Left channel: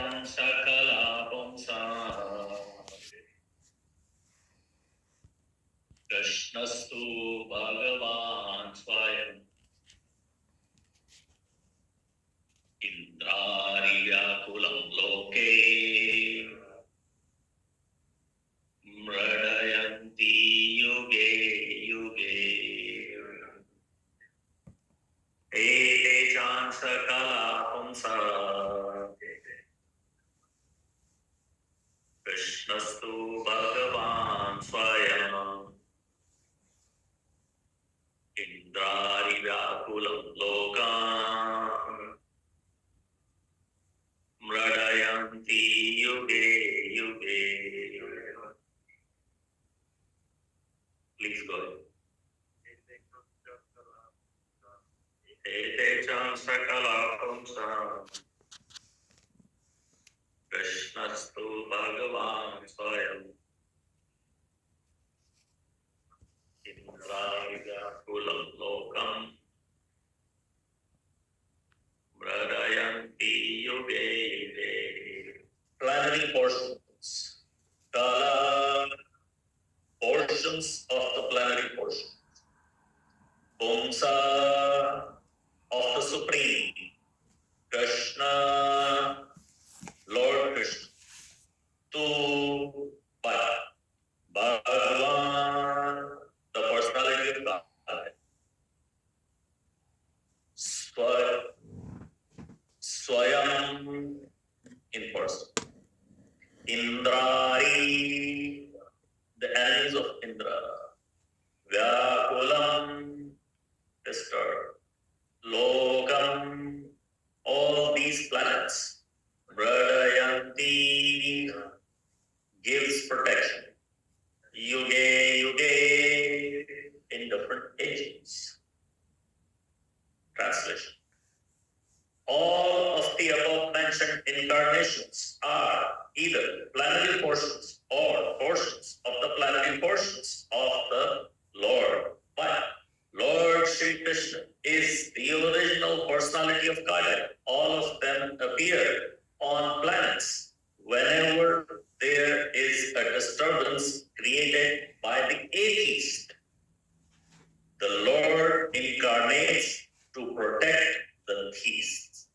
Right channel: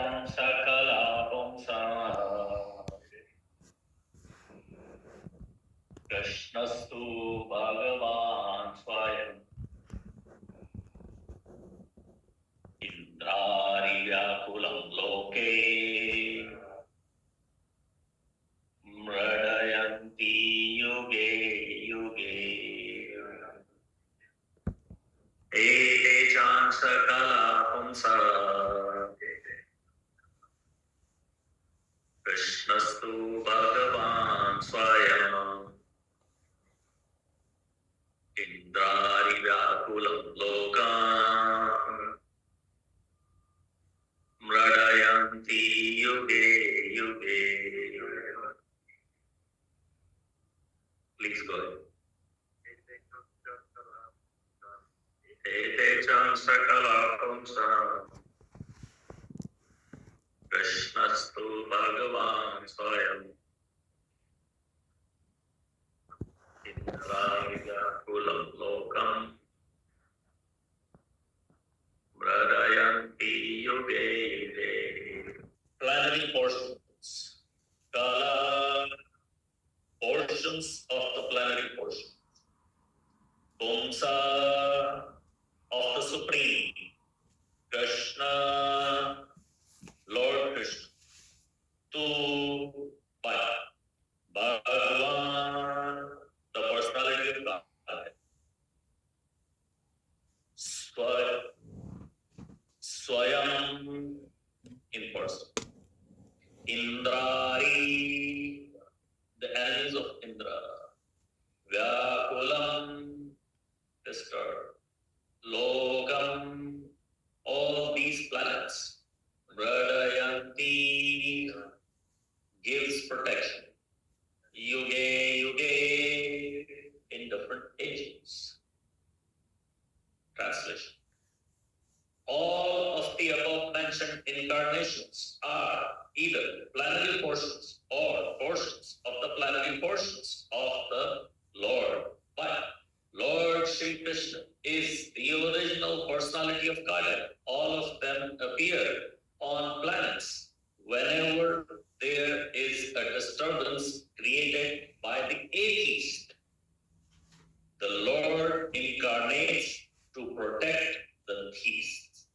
Etetam sakala pumsa Krishnastu Bhagavan Swayam Indrariyakulam Loke Mradayanti Yuge Yuge Ete chan sakala pumsa Krishnastu Bhagavan Swayam Indrariyakulam Lokam Mradayanti Yuge Yuge. Please go ahead. Ete chan sakala pumsa Krishnastu Bhagavan Swayam Indrariyakulam Lokam Mradayanti Yuge Yuge. Planetary portions. Kala portions of the planetary portion. Pumsa of the Supreme. Krishna, Lord Krishna. Tu Bhagavan, the personality of God. Swayam, in person. Indrari, the enemies of Indra. Vyakulam, disturbed. Lokam, all these planets. Bradayanti, gives protection. Yuge, yuge, in different ages. Translation. All of the above mentioned incarnations are either planetary portions or portions of the planetary portions of the Lord. But Lord Shri Krishna is the original personality of Godhead. All of them appear on planets whenever there is a disturbance created by the atheist. The Lord incarnates to protect the theists.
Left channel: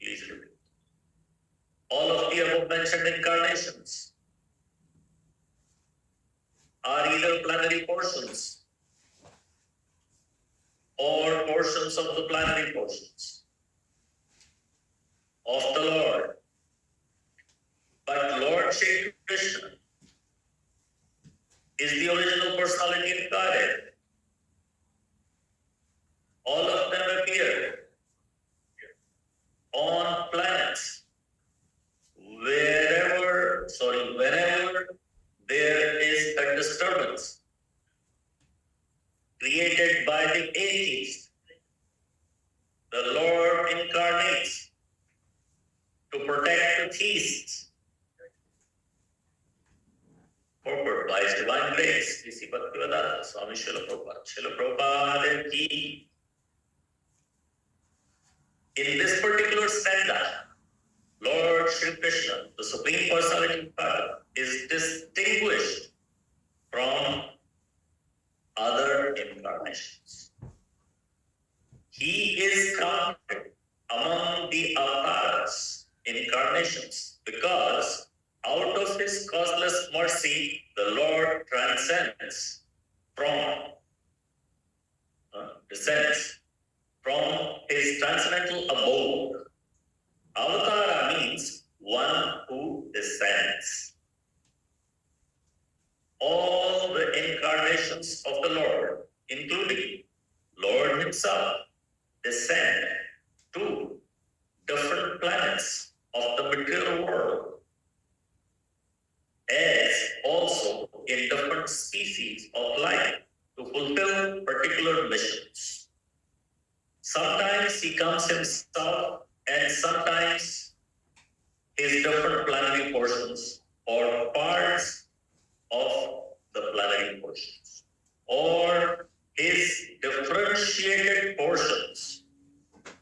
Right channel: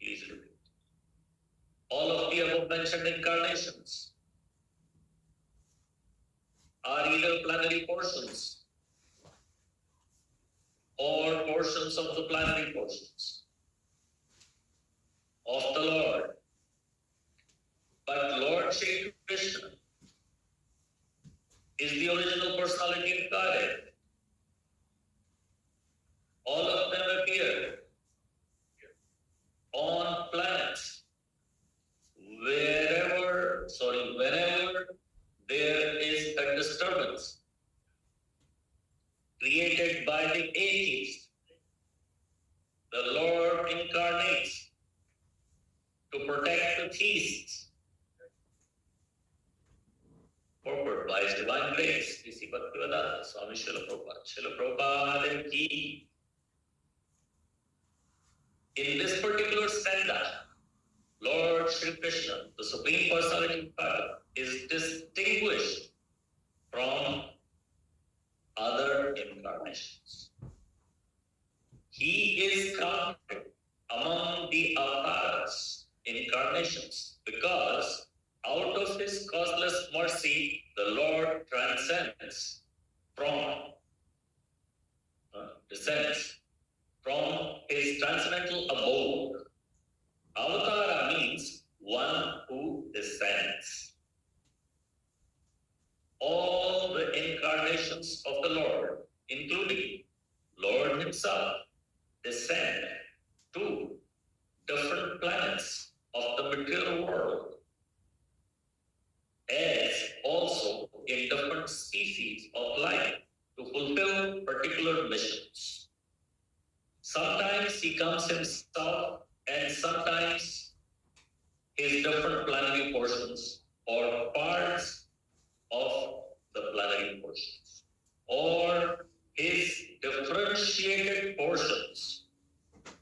Please repeat. All of the above mentioned incarnations are either planetary portions or portions of the planetary portions of the Lord. But Lord Shri Krishna is the original personality of Godhead. All of them appear on planets whenever there is a disturbance created by the atheist. The Lord incarnates to protect the theists. Purport by His divine grace, Sri Bhaktivedanta Swami Srila Prabhupada. Srila Prabhupada ki. In this particular stanza, Lord Shri Krishna, the Supreme Personality of God, is distinguished from other incarnations. He is counted among the avatars, incarnations, because out of His causeless mercy, the Lord transcends descends from His transcendental abode. Avatara means one who descends. All the incarnations of the Lord, including Lord Himself, descend to different planets of the material world, as also in different species of life to fulfill particular missions. Sometimes He comes Himself, and sometimes His different planetary portions or parts of the planetary portions, or His differentiated portions,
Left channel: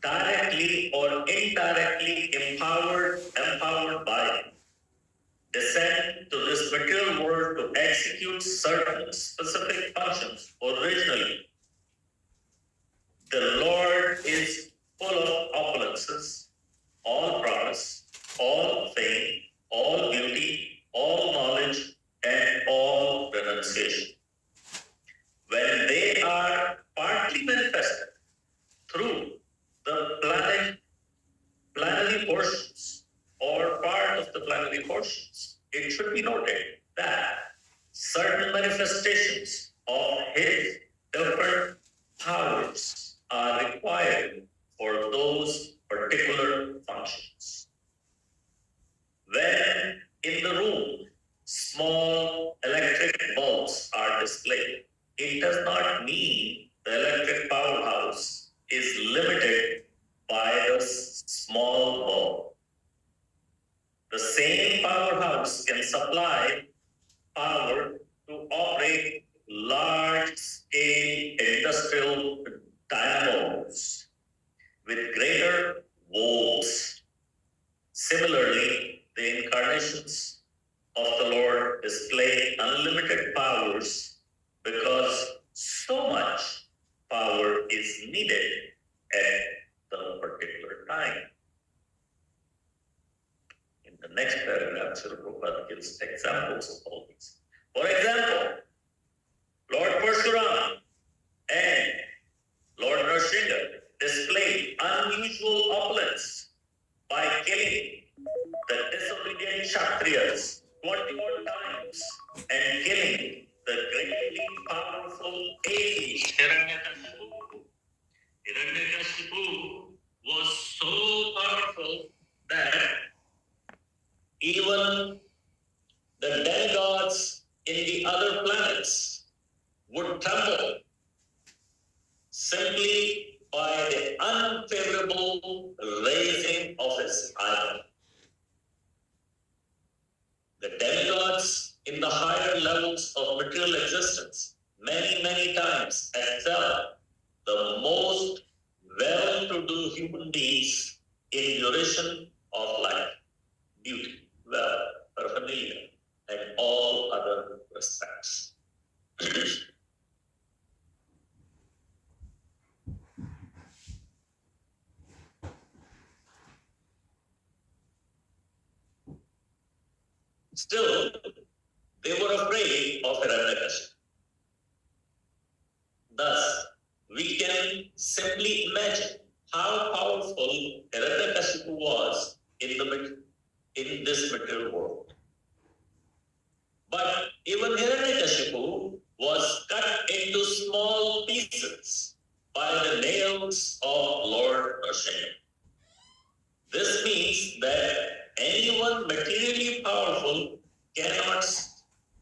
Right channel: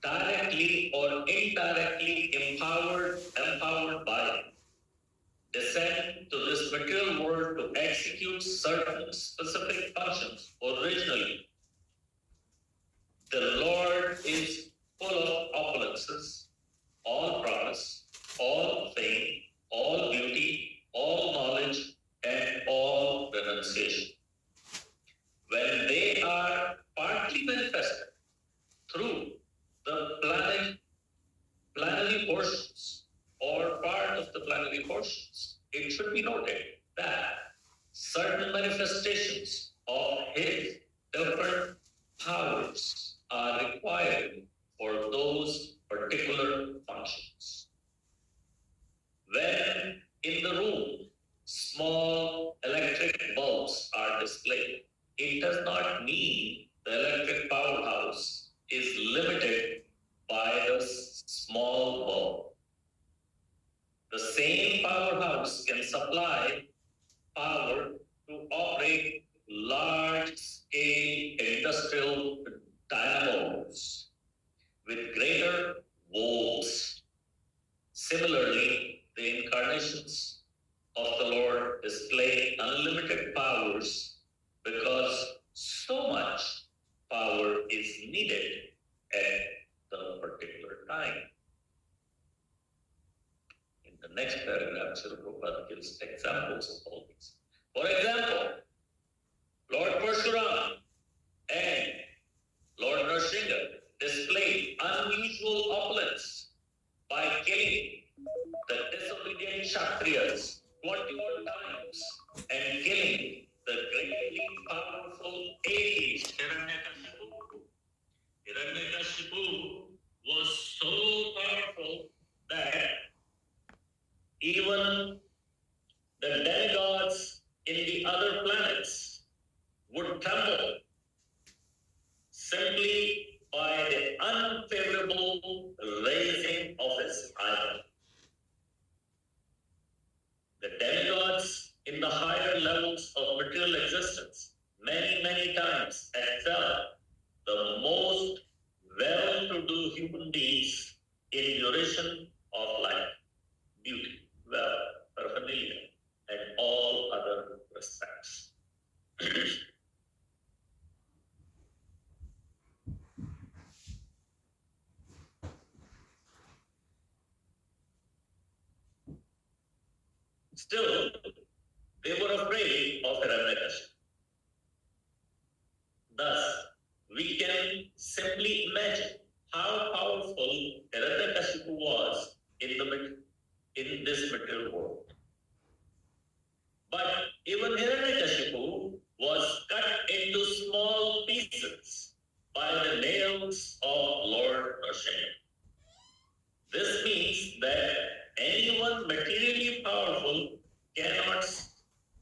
directly or indirectly descend to this material world to execute certain specific functions. Originally, the Lord is full of opulences, all promise, all fame, all beauty, all knowledge, and all renunciation. When they are partly manifested through the planetary portions or part of the planetary portions, it should be noted that certain manifestations of his different powers are required for those particular functions. When in the room small electric bulbs are displayed, it does not mean the electric powerhouse is limited by the small bulb. The same powerhouse can supply power to operate large-scale industrial dynamos with greater volts. Similarly, the incarnations of the Lord display unlimited powers because so much power is needed at the particular time. In the next paragraph, Srila Prabhupada gives examples of all these. For example, Lord Parshuram and Lord Nrsimha displayed unusual opulence by killing the disobedient Kshatriyas 21 times and killing the greatly powerful age Hiranyakashipu. Hiranyakashipu was so powerful that even the demigods in the other planets would tremble simply by the unfavorable raising of his idol. The demigods in the higher levels of material existence many times excel the most well-to-do human beings in duration of life, beauty, wealth, paraphernalia, and all other respects. Still, they were afraid of Hiranyakashipu. Thus, we can simply imagine how powerful Hiranyakashipu was in this material world. But even Hiranyakashipu was cut into small pieces by the nails of Lord Nrsimha. This means that anyone materially powerful cannot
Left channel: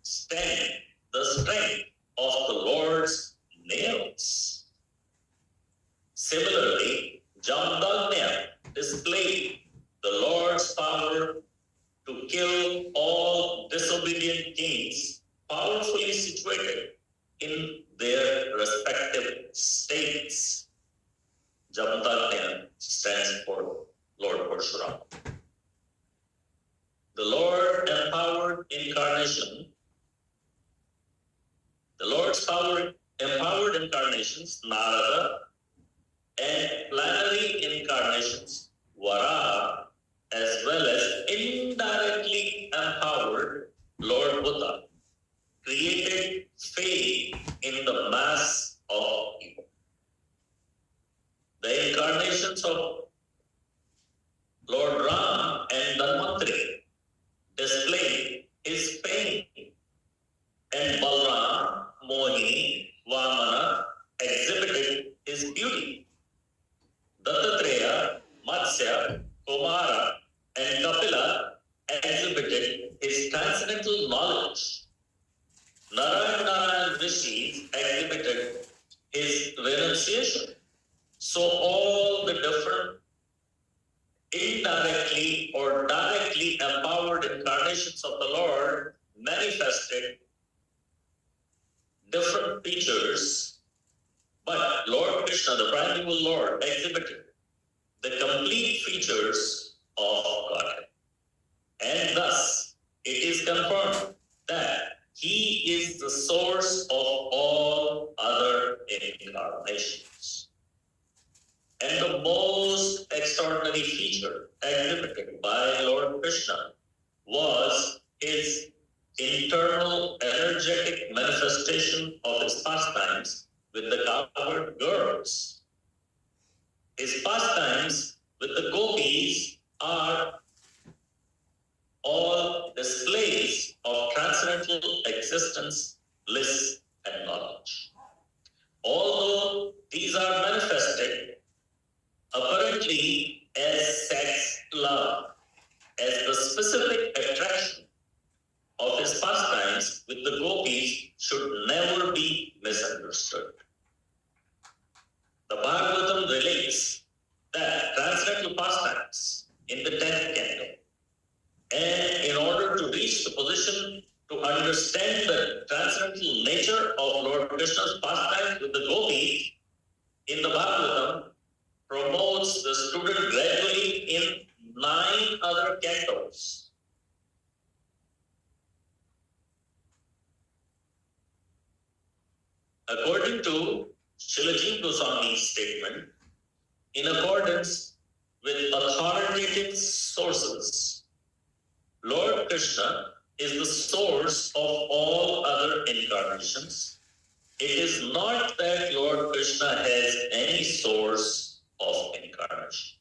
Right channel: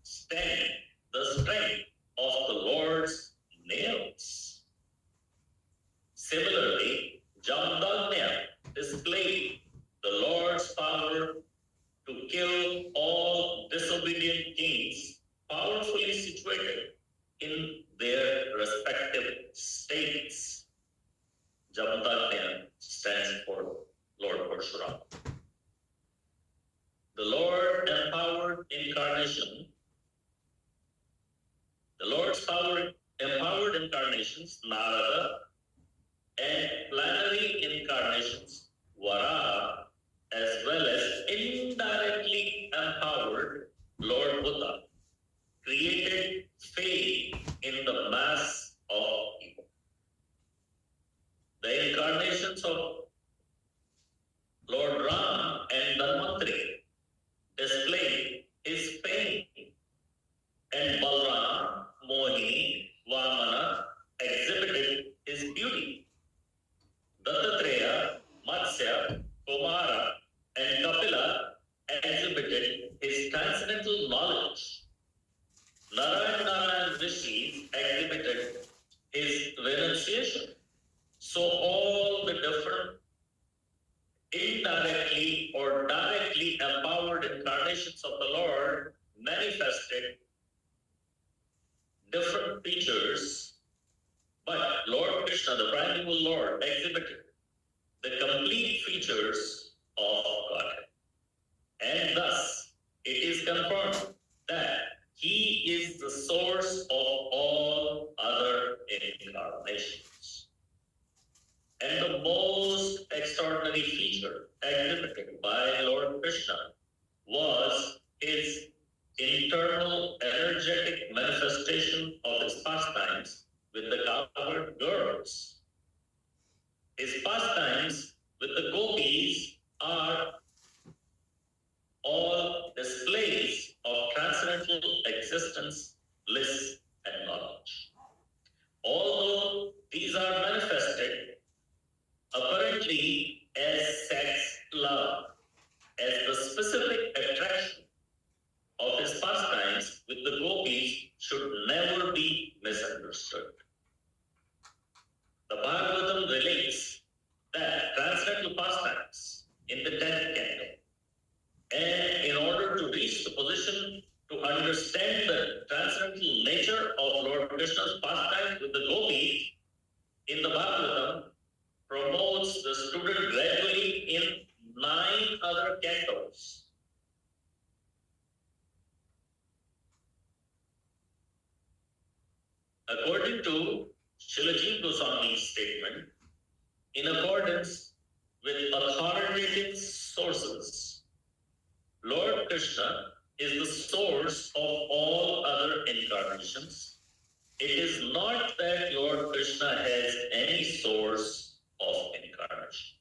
stand the strength of the Lord's nails. Similarly, Jamdagnya displayed the Lord's power to kill all disobedient kings powerfully situated in their respective states. Jamdagnya stands for Lord Parshuram. The Lord empowered incarnation. The Lord's empowered incarnations, Narada, and planetary incarnations, Varaha, as well as indirectly empowered Lord Buddha, created faith in the mass of people. The incarnations of Lord Ram and Dhanvantari displayed his fame, and Balram, Mohini, Vamana exhibited his beauty. Dattatreya, Matsya, Kumara, and Kapila exhibited his transcendental knowledge. Narayana and Rishi exhibited his renunciation. So all the different indirectly or directly empowered incarnations of the Lord manifested different features, but Lord Krishna, the primeval Lord, exhibited the complete features of Godhead. And thus, it is confirmed that he is the source of all other incarnations. And the most extraordinary feature exhibited by Lord Krishna was his internal energetic manifestation of his pastimes with the cowherd girls. His pastimes with the gopis are all displays of transcendental existence, bliss, and knowledge. Although these are manifested apparently as sex love, as the specific attraction of his pastimes with the gopis should never be misunderstood. The Bhagavatam relates that transcendental pastimes in the 10th canto, and in order to reach the position to understand the transcendental nature of Lord Krishna's pastimes with the gopis, in the Bhagavatam promotes the student gradually in 9 other cantos. According to Srila Jiva Goswami's statement, in accordance with authoritative sources, Lord Krishna is the source of all other incarnations. It is not that Lord Krishna has any source of incarnation.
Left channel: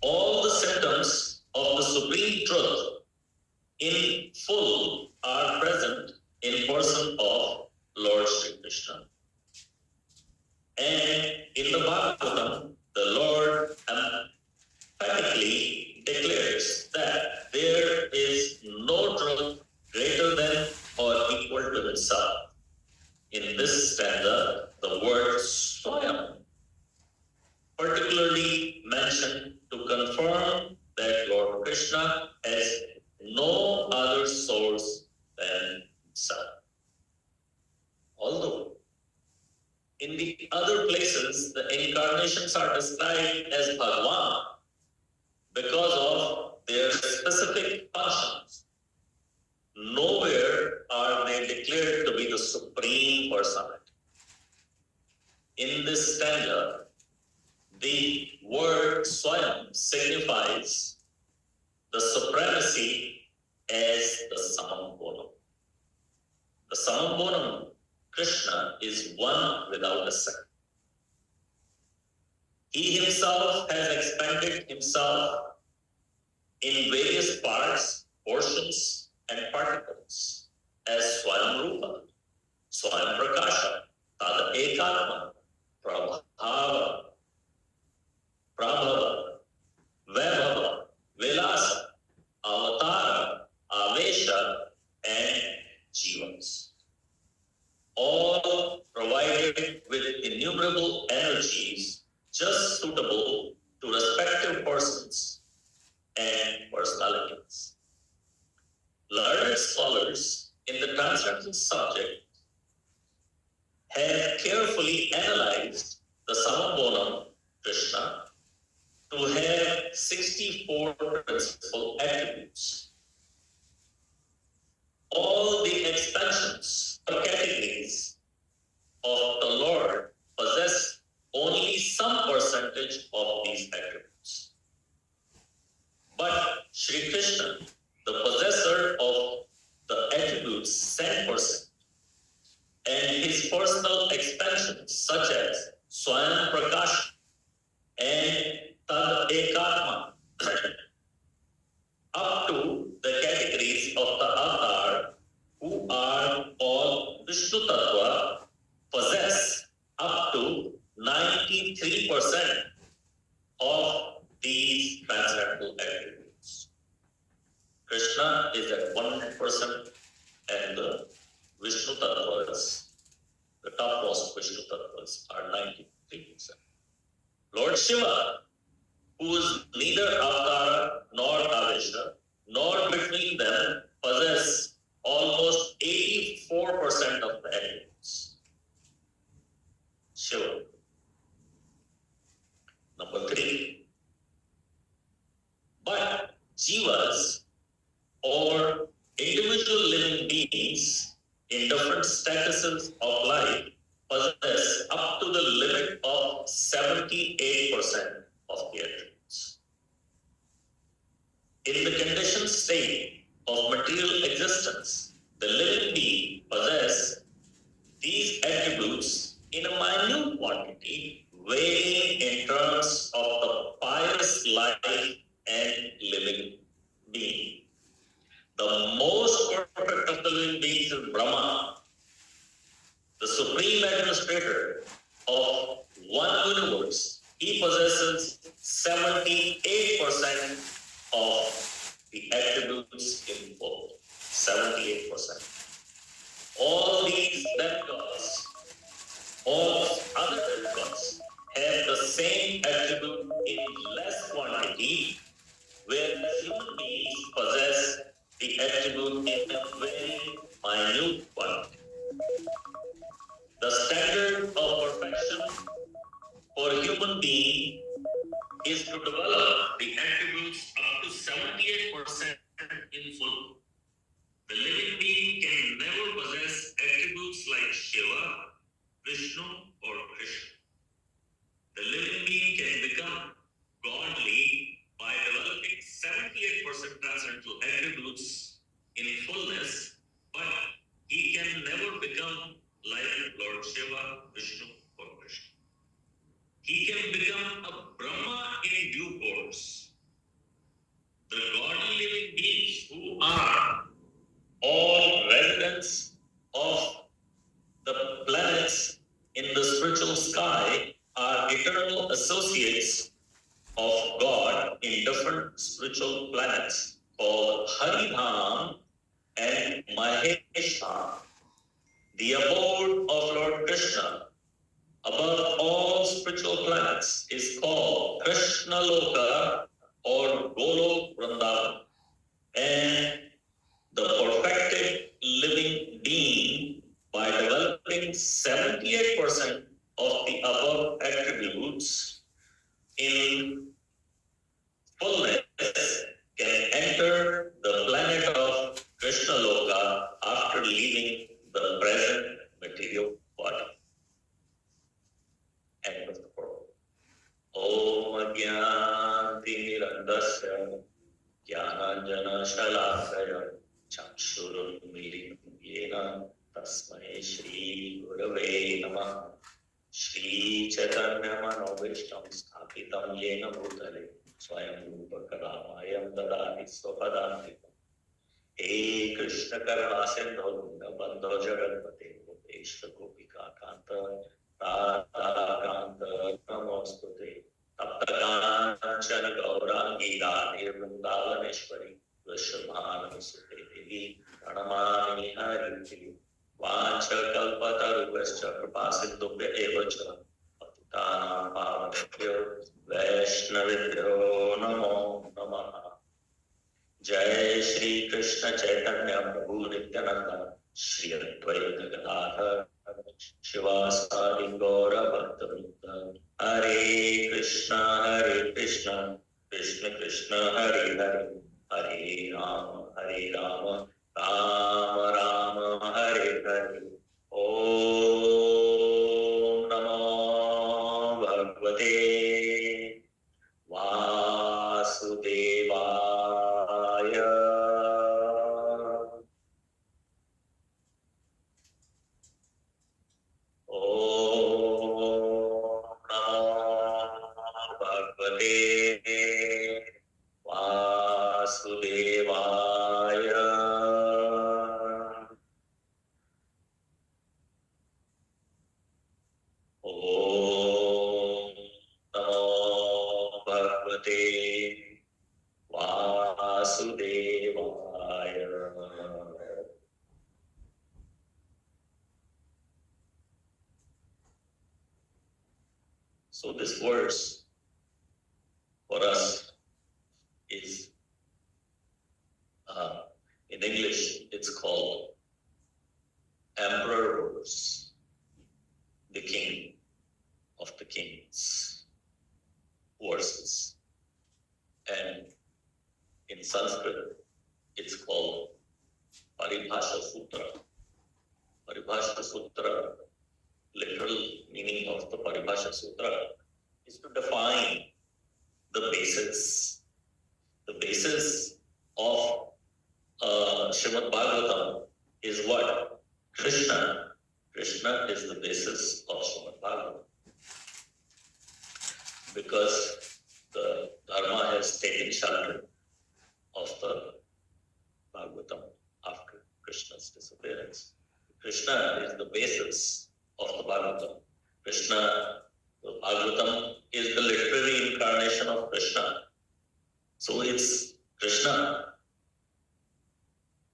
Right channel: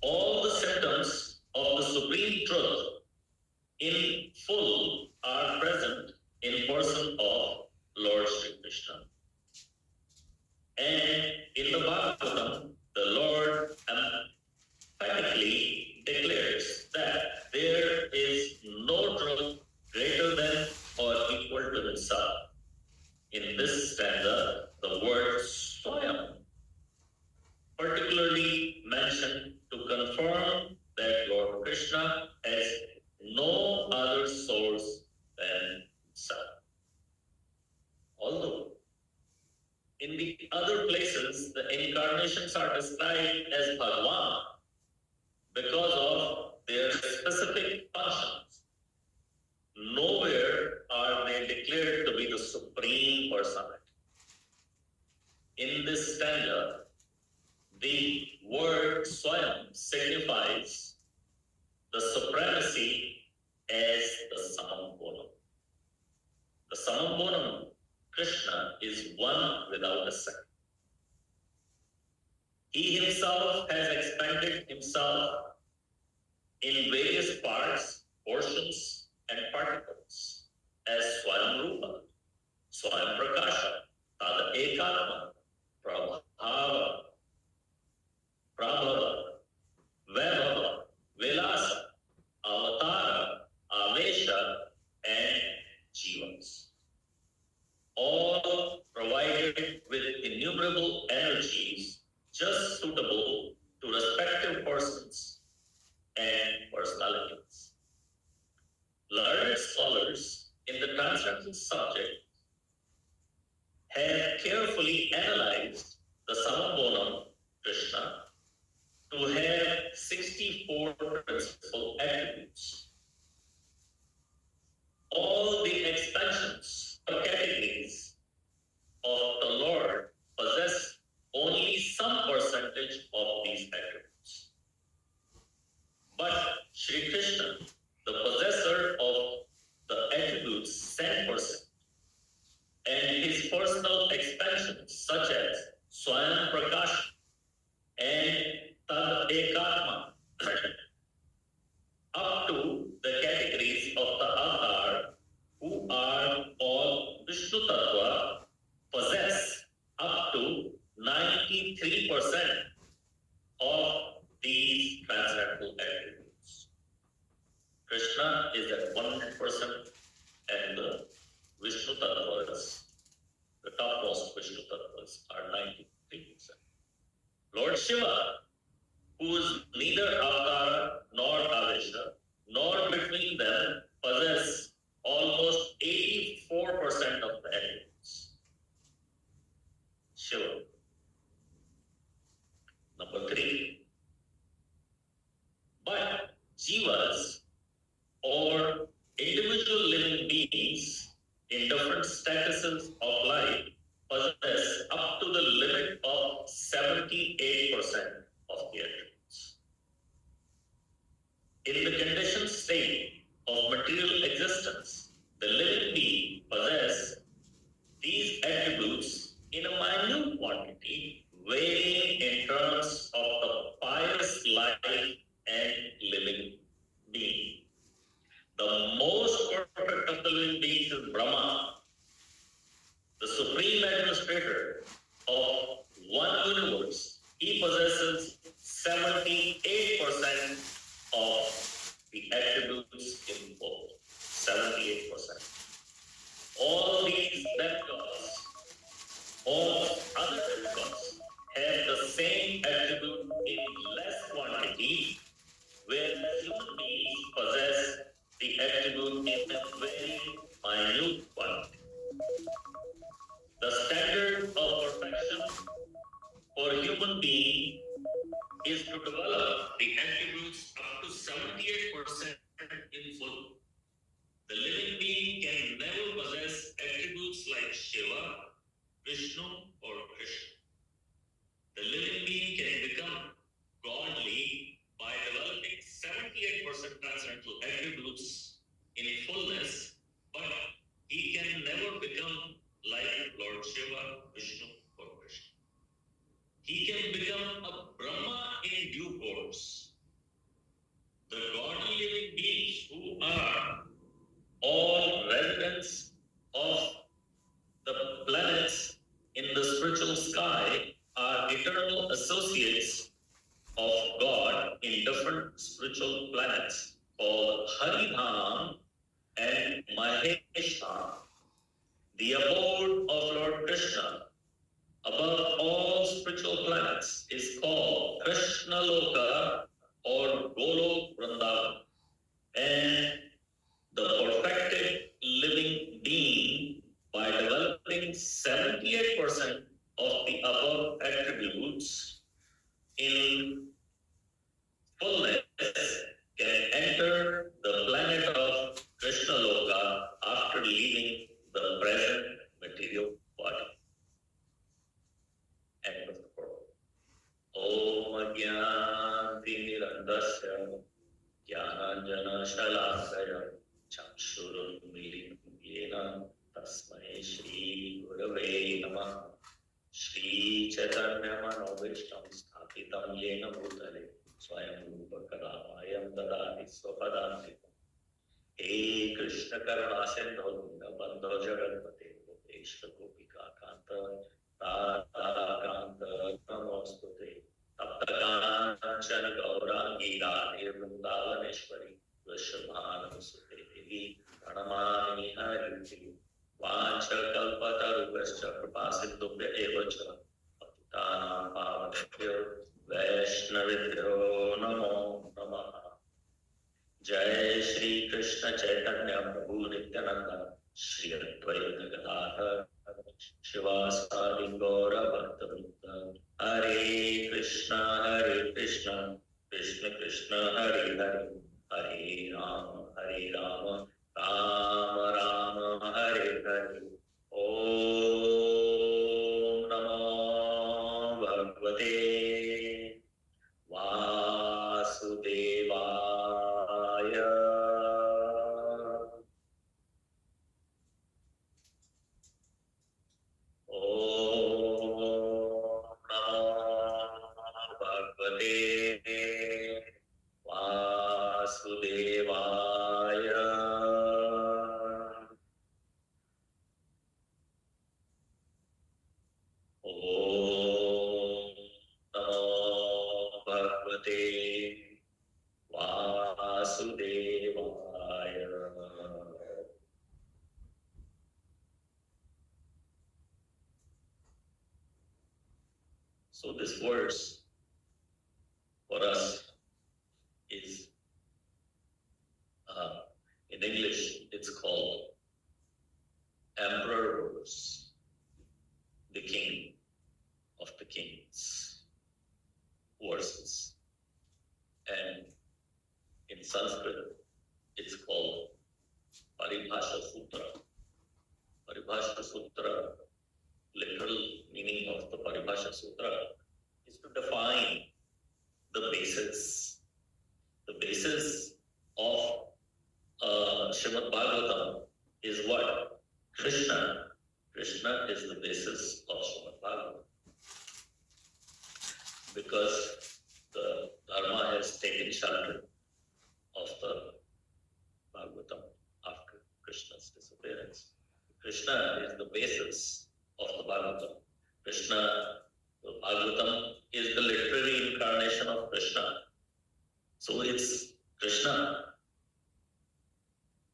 All the symptoms of the Supreme Truth in full are present in person of Lord Sri Krishna. And in the Bhagavatam, the Lord emphatically declares that there is no truth greater than or equal to himself. In this stanza, the word Swayam particularly mentioned to confirm that Lord Krishna has no other source than himself. Although in the other places the incarnations are described as Bhagavan because of their specific functions, nowhere are they declared to be the Supreme Personality. In this stanza, the word Swayam signifies the supremacy as the Samam Bonam. The Samam Bonam, Krishna, is one without a second. He himself has expanded himself in various parts, portions, and particles as Swayam Rupa, Swayam Prakasha, Tada Ekatma, Prabhava, Prabhava, Vaibhava, Vilasa, Avatara, Avesha, and Jivas. All provided with innumerable energies just suitable to respective persons and personalities. Learned scholars in the transcendental subject have carefully analyzed the Samabonam Krishna to have 64 principal attributes. All the expansions or categories of the Lord possess only some percentage of these attributes. But Sri Krishna, the possessor of the attributes 10%, and his personal expansions such as Swayam Prakash and Tad Ekatma, up to the categories of the avatar, who are all Vishnu Tattva, possess up to 93% of these transcendental attributes. Krishna is at 100%, and the Vishnu Tattvas, the topmost Vishnu Tattvas, are 93%. Lord Shiva, who is neither Avatara nor Avesha, nor between them, possess almost 84% of the attributes. Shiva. Number 3, statuses of life possess up to the limit of 78% of the attributes. In the conditioned state of material existence, the living being possesses these attributes in a minute quantity, weighing in terms of the pious life and living being. The most perfect of the living beings is Brahma, the supreme administrator of one universe. He possesses 78% of the attributes in full. 78%. All these demigods, all other demigods, have the same attribute in less quantity, whereas human beings possess the attribute in a very minute quantity. The standard of perfection for a human being is to develop the attributes up to 78% in full. The living being can never possess attributes like Shiva, Vishnu, or Krishna. The living being can become godly by developing 78% transcendental attributes in fullness, but he can never become like Lord Shiva, Vishnu, or Krishna. He can become a Brahma in due course. The godly living beings who are all residents of the planets in the spiritual sky are eternal associates of God in different spiritual planets called Haridham and Mahesham. The abode of Lord Krishna above all spiritual planets is called Krishna Loka or Golok Vrindavan. And the perfected living being, by developing 78% of the above attributes in fullness, can enter the planet of Krishna Loka after leaving the present material body. End of the quote. Om Agyanti Randasya Jnananjana Shalakaya Chakshurunmilitam Yena Tasmai Shri Gurave Namah. Shri Chaitanya Manobishtam Sthapitam Yena Bhutale Swayam Rupa Kadamayam Dadati Swapadantikam. He Krishna Karuna Sindho Bandho Jaganpate Gopeshta Gopika Kanta Radha Kanta Namostute Taptakanchana Gaurangi Radhe Vrindavaneshwari Vrishabhanam Sute Devi Pranamami Hari Vancha Kalpatarubhascha Kripasindubhya Evacha Patitana Pavanebhyo Vaishnavibhyo Namo Namaha. Jai Shri Krishna Chaitanya Prabhu Nityananda Shri Advaita Gadadhar Shivasadi Gaura Bhakta Hare Krishna Krishna Krishna Hare Hare Hare Rama Rama Rama Hare Hare. Om Namo Bhagavate Vasudevaya. Om Namo Bhagavate Vasudevaya. Om Namo Bhagavate Vasudevaya. So this verse for us is, in English, it's called Emperor verse, the King of the Kings verses. And in Sanskrit, it's called Paribhasha Sutra, Paribhasha Sutra, literal meaning of the Paribhasha Sutra is to define the basis. The basis of Srimad Bhagavatam is what? Krishna. Krishna is the basis of Srimad Bhagavatam. Because the Dharma has taken shelter of the Bhagavatam after Krishna's disappearance. Krishna is the basis of the Bhagavatam. Krishna, the Bhagavatam is the literary incarnation of Krishna. So it's Krishna.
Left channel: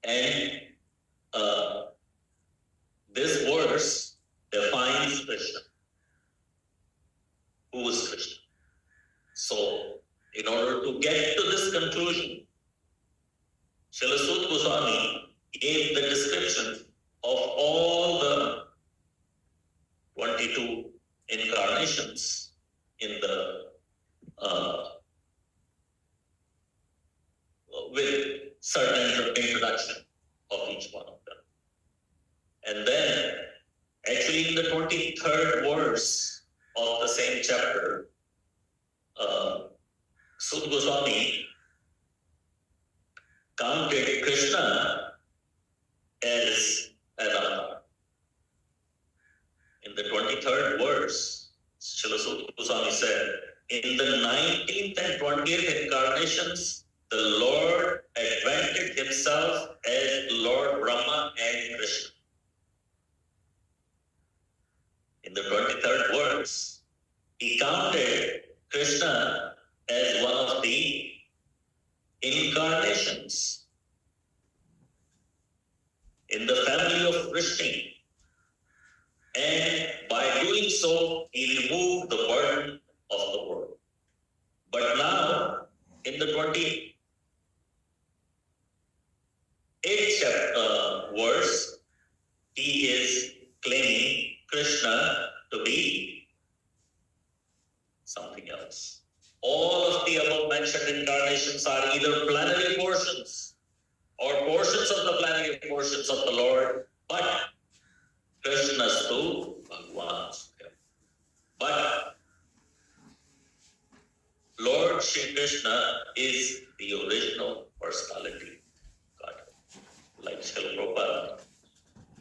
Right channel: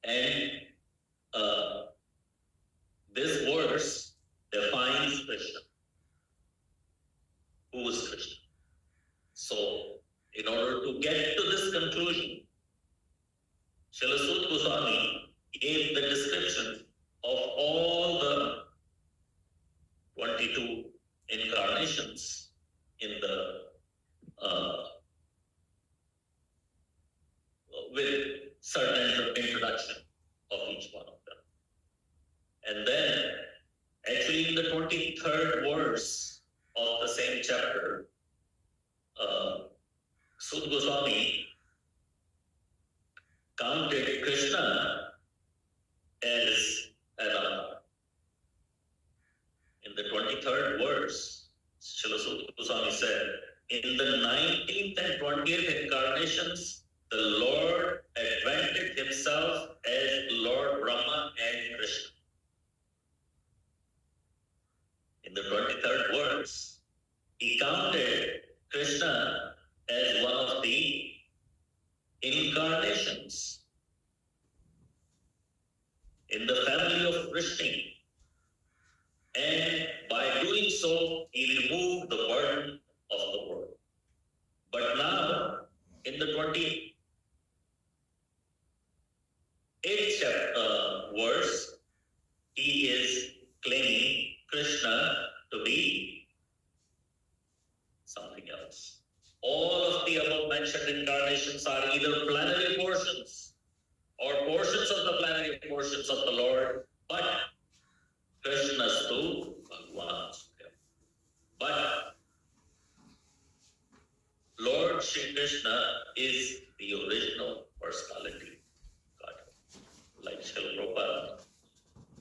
And this verse defines Krishna. Who is Krishna? So, in order to get to this conclusion, Srila Sut Goswami gave the description of all the 22 incarnations in the with certain introduction of each one of them. And then, actually in the 23rd verse of the same chapter, Sut Goswami counted Krishna as an avatar. In the 23rd verse, Srila Sut Goswami said, in the 19th and 20th incarnations, the Lord advented himself as Lord Brahma and Krishna. In the 23rd verse, he counted Krishna as one of the incarnations in the family of Vrishni. And by doing so, he removed the burden of the world. But now, in the 28th verse, he is claiming Krishna to be something else. All of the above mentioned incarnations are either plenary portions or portions of the plenary portions of the Lord, but Krishnastu Bhagwan. But Lord Shri Krishna is the original personality God. Like Srila Prabhupada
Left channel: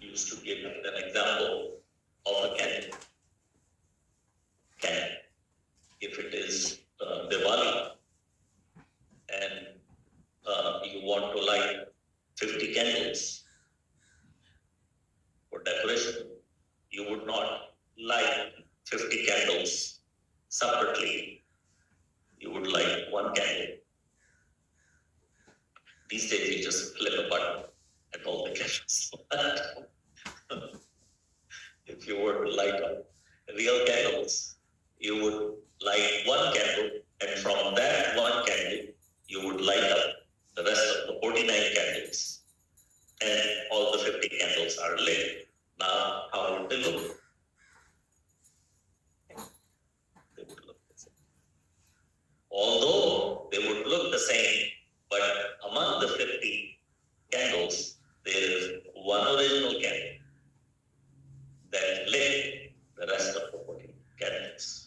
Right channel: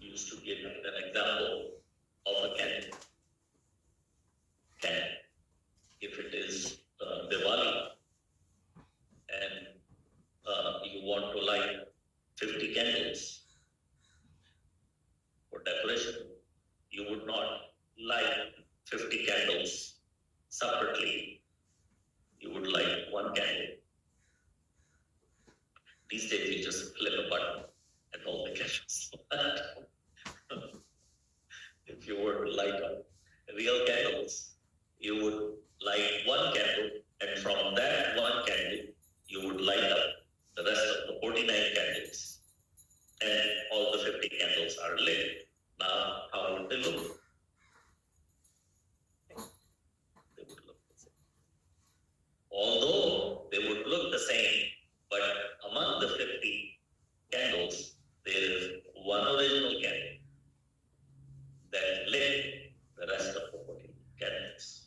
used to give an example of a candle. If it is Diwali and you want to light 50 candles for decoration, you would not light 50 candles separately. You would light one candle. These days you just flip a button and all the candles. If you were to light up real candles, you would light one candle, and from that one candle, you would light up the rest of the 49 candles, and all the 50 candles are lit. Now, how would they look? They would look the same. Although they would look the same, but among the 50 candles, there is one original candle that lit the rest of the 40 candles.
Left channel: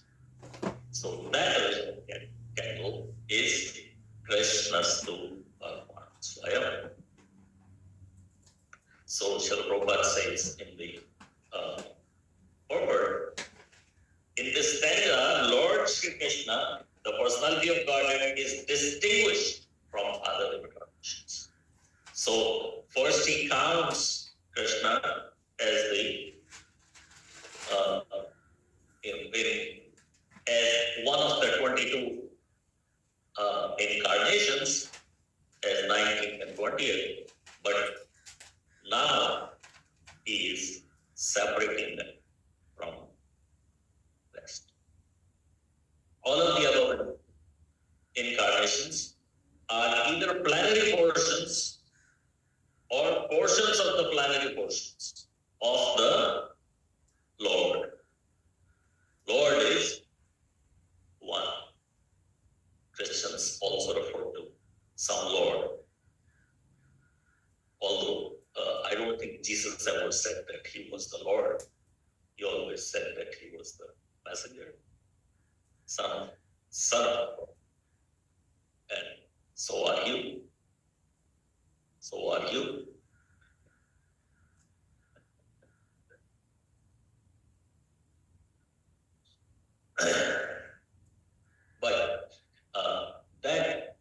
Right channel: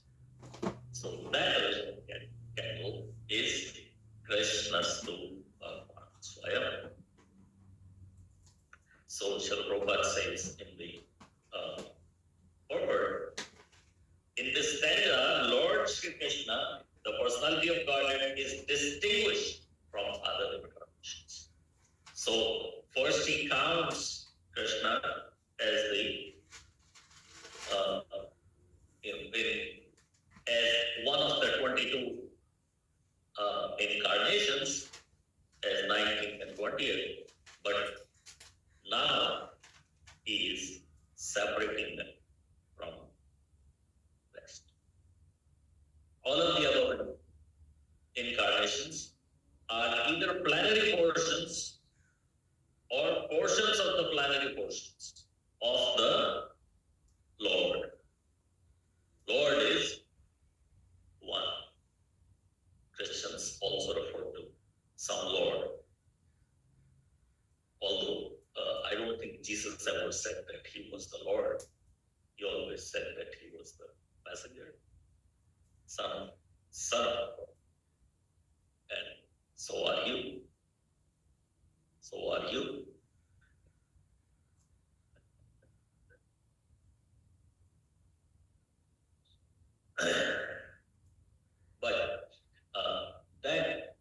So that original candle is Krishnastu Bhagwan Swayam. So Srila Prabhupada says in the foreword, in this stanza, Lord Sri Krishna, the personality of Godhead, is distinguished from other incarnations. So first he counts Krishna as the as one of the 22 incarnations, as 19th and 20th, but now he is separating them from the rest. All of the above incarnations are either plenary portions or portions of the plenary portions of the Lord. Lord is one. Christians also refer to some Lord. Although I don't think think Jesus ever said that he was the Lord. He always said that he was the messenger, son of God. And so are you. So are you. But that,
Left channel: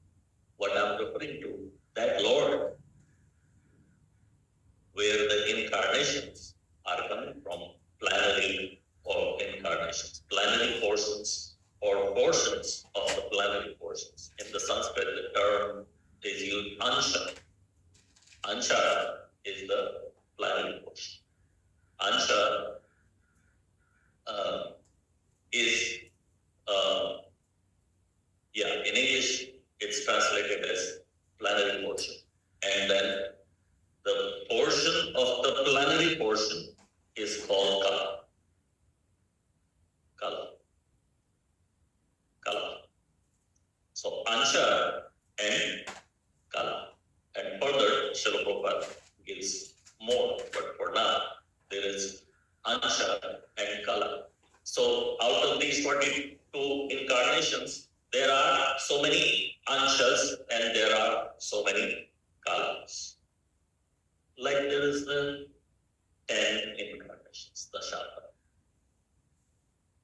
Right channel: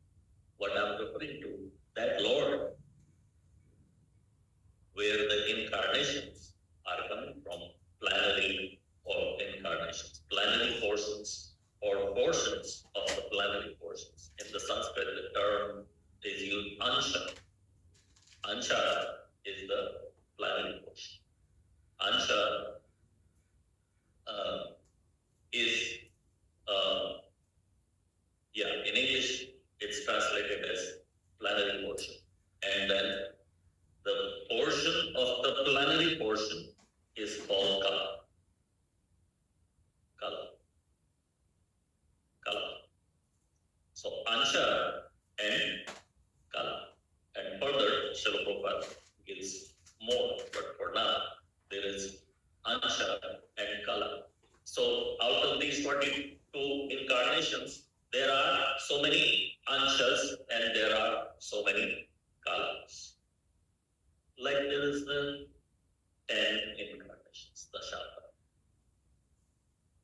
what I'm referring to, that Lord, where the incarnations are coming from, plenary or incarnations, plenary portions or portions of the plenary portions. In the Sanskrit, the term is used ansha. Ansha is the plenary portion. Ansha is, in English, it's translated as plenary portion. And then the portion of the plenary portion is called kala. Kala. So ansha and kala. And further, Srila Prabhupada gives more, but for now, there is ansha and kala. So out of these 42 incarnations, there are so many anshas and there are so many kalas. Like there is the 10 incarnations, Dashavatara.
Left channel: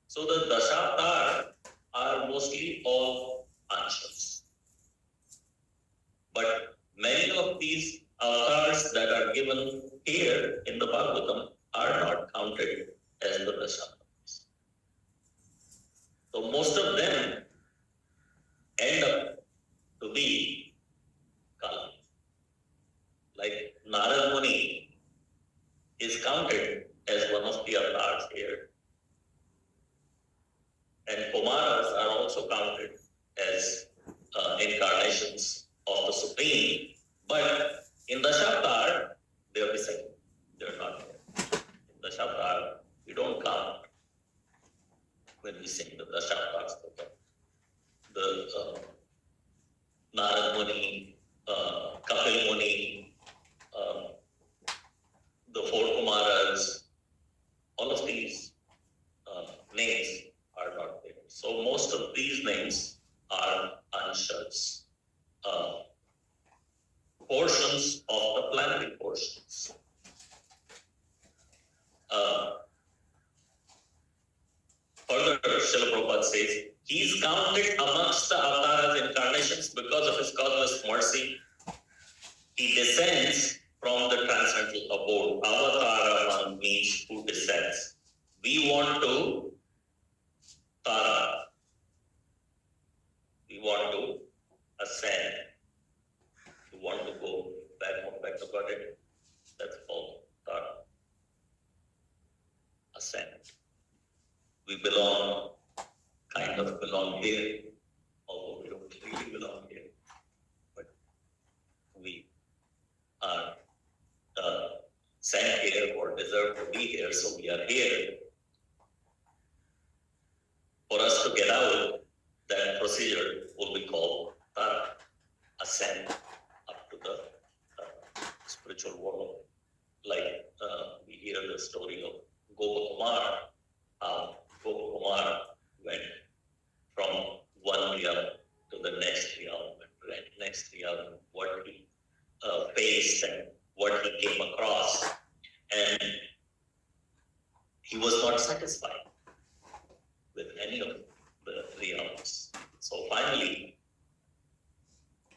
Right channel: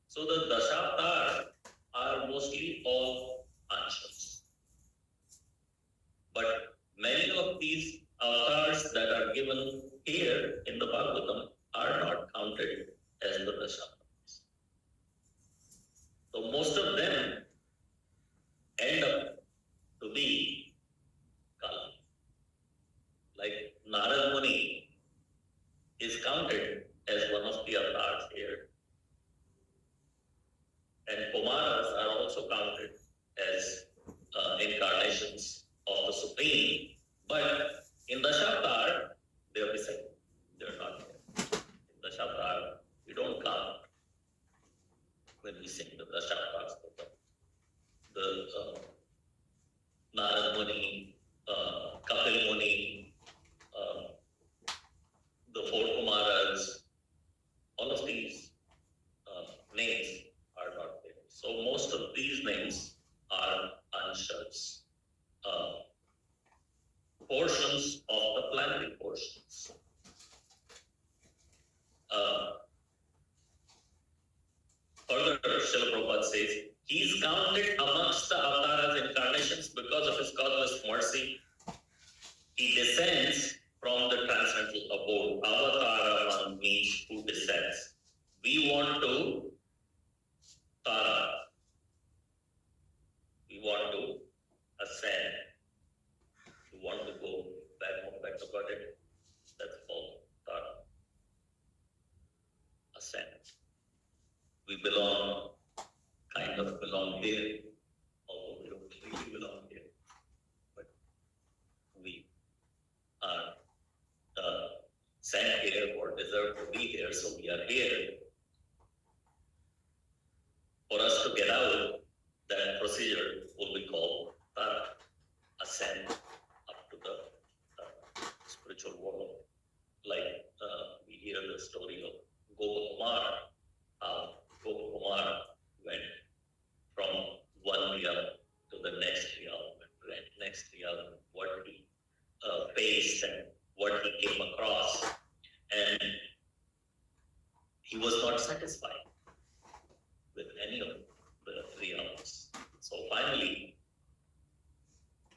So the Dashavatara are mostly all anshas. But many of these avatars that are given here in the Bhagavatam are not counted as the Dashavatars. So most of them end up to be Kala. Like Narad Muni is counted as one of the avatars here. And Kumaras are also counted as incarnations of the Supreme, but in Dashavatar, they are missing. They are not there. In Dashavatar, we don't count when we sing the Dashavatars. The Narad Muni, Kapil Muni, the four Kumaras, all of these names are not there. So most of these names are anshas, portions of the plenary portions. Further, Srila Prabhupada says, he's counted amongst the avatars incarnations because of his causeless mercy. He descends from the transcendental abode. Avatara means who descends. We want to tara. We want to ascend. We want to go back to God. That's called tara. Ascend. We kind of belong here, although we don't really belong here. But we are sent here or deserve to be here, so we are here. For us to get out, that procedure will be called tara, ascend up to the spiritual world. Like we hear the story of Gopakumar, how Gopakumar went from one realm to the next realm, what he faced and what he came across. And he was not satisfied with any of the realms. So finally,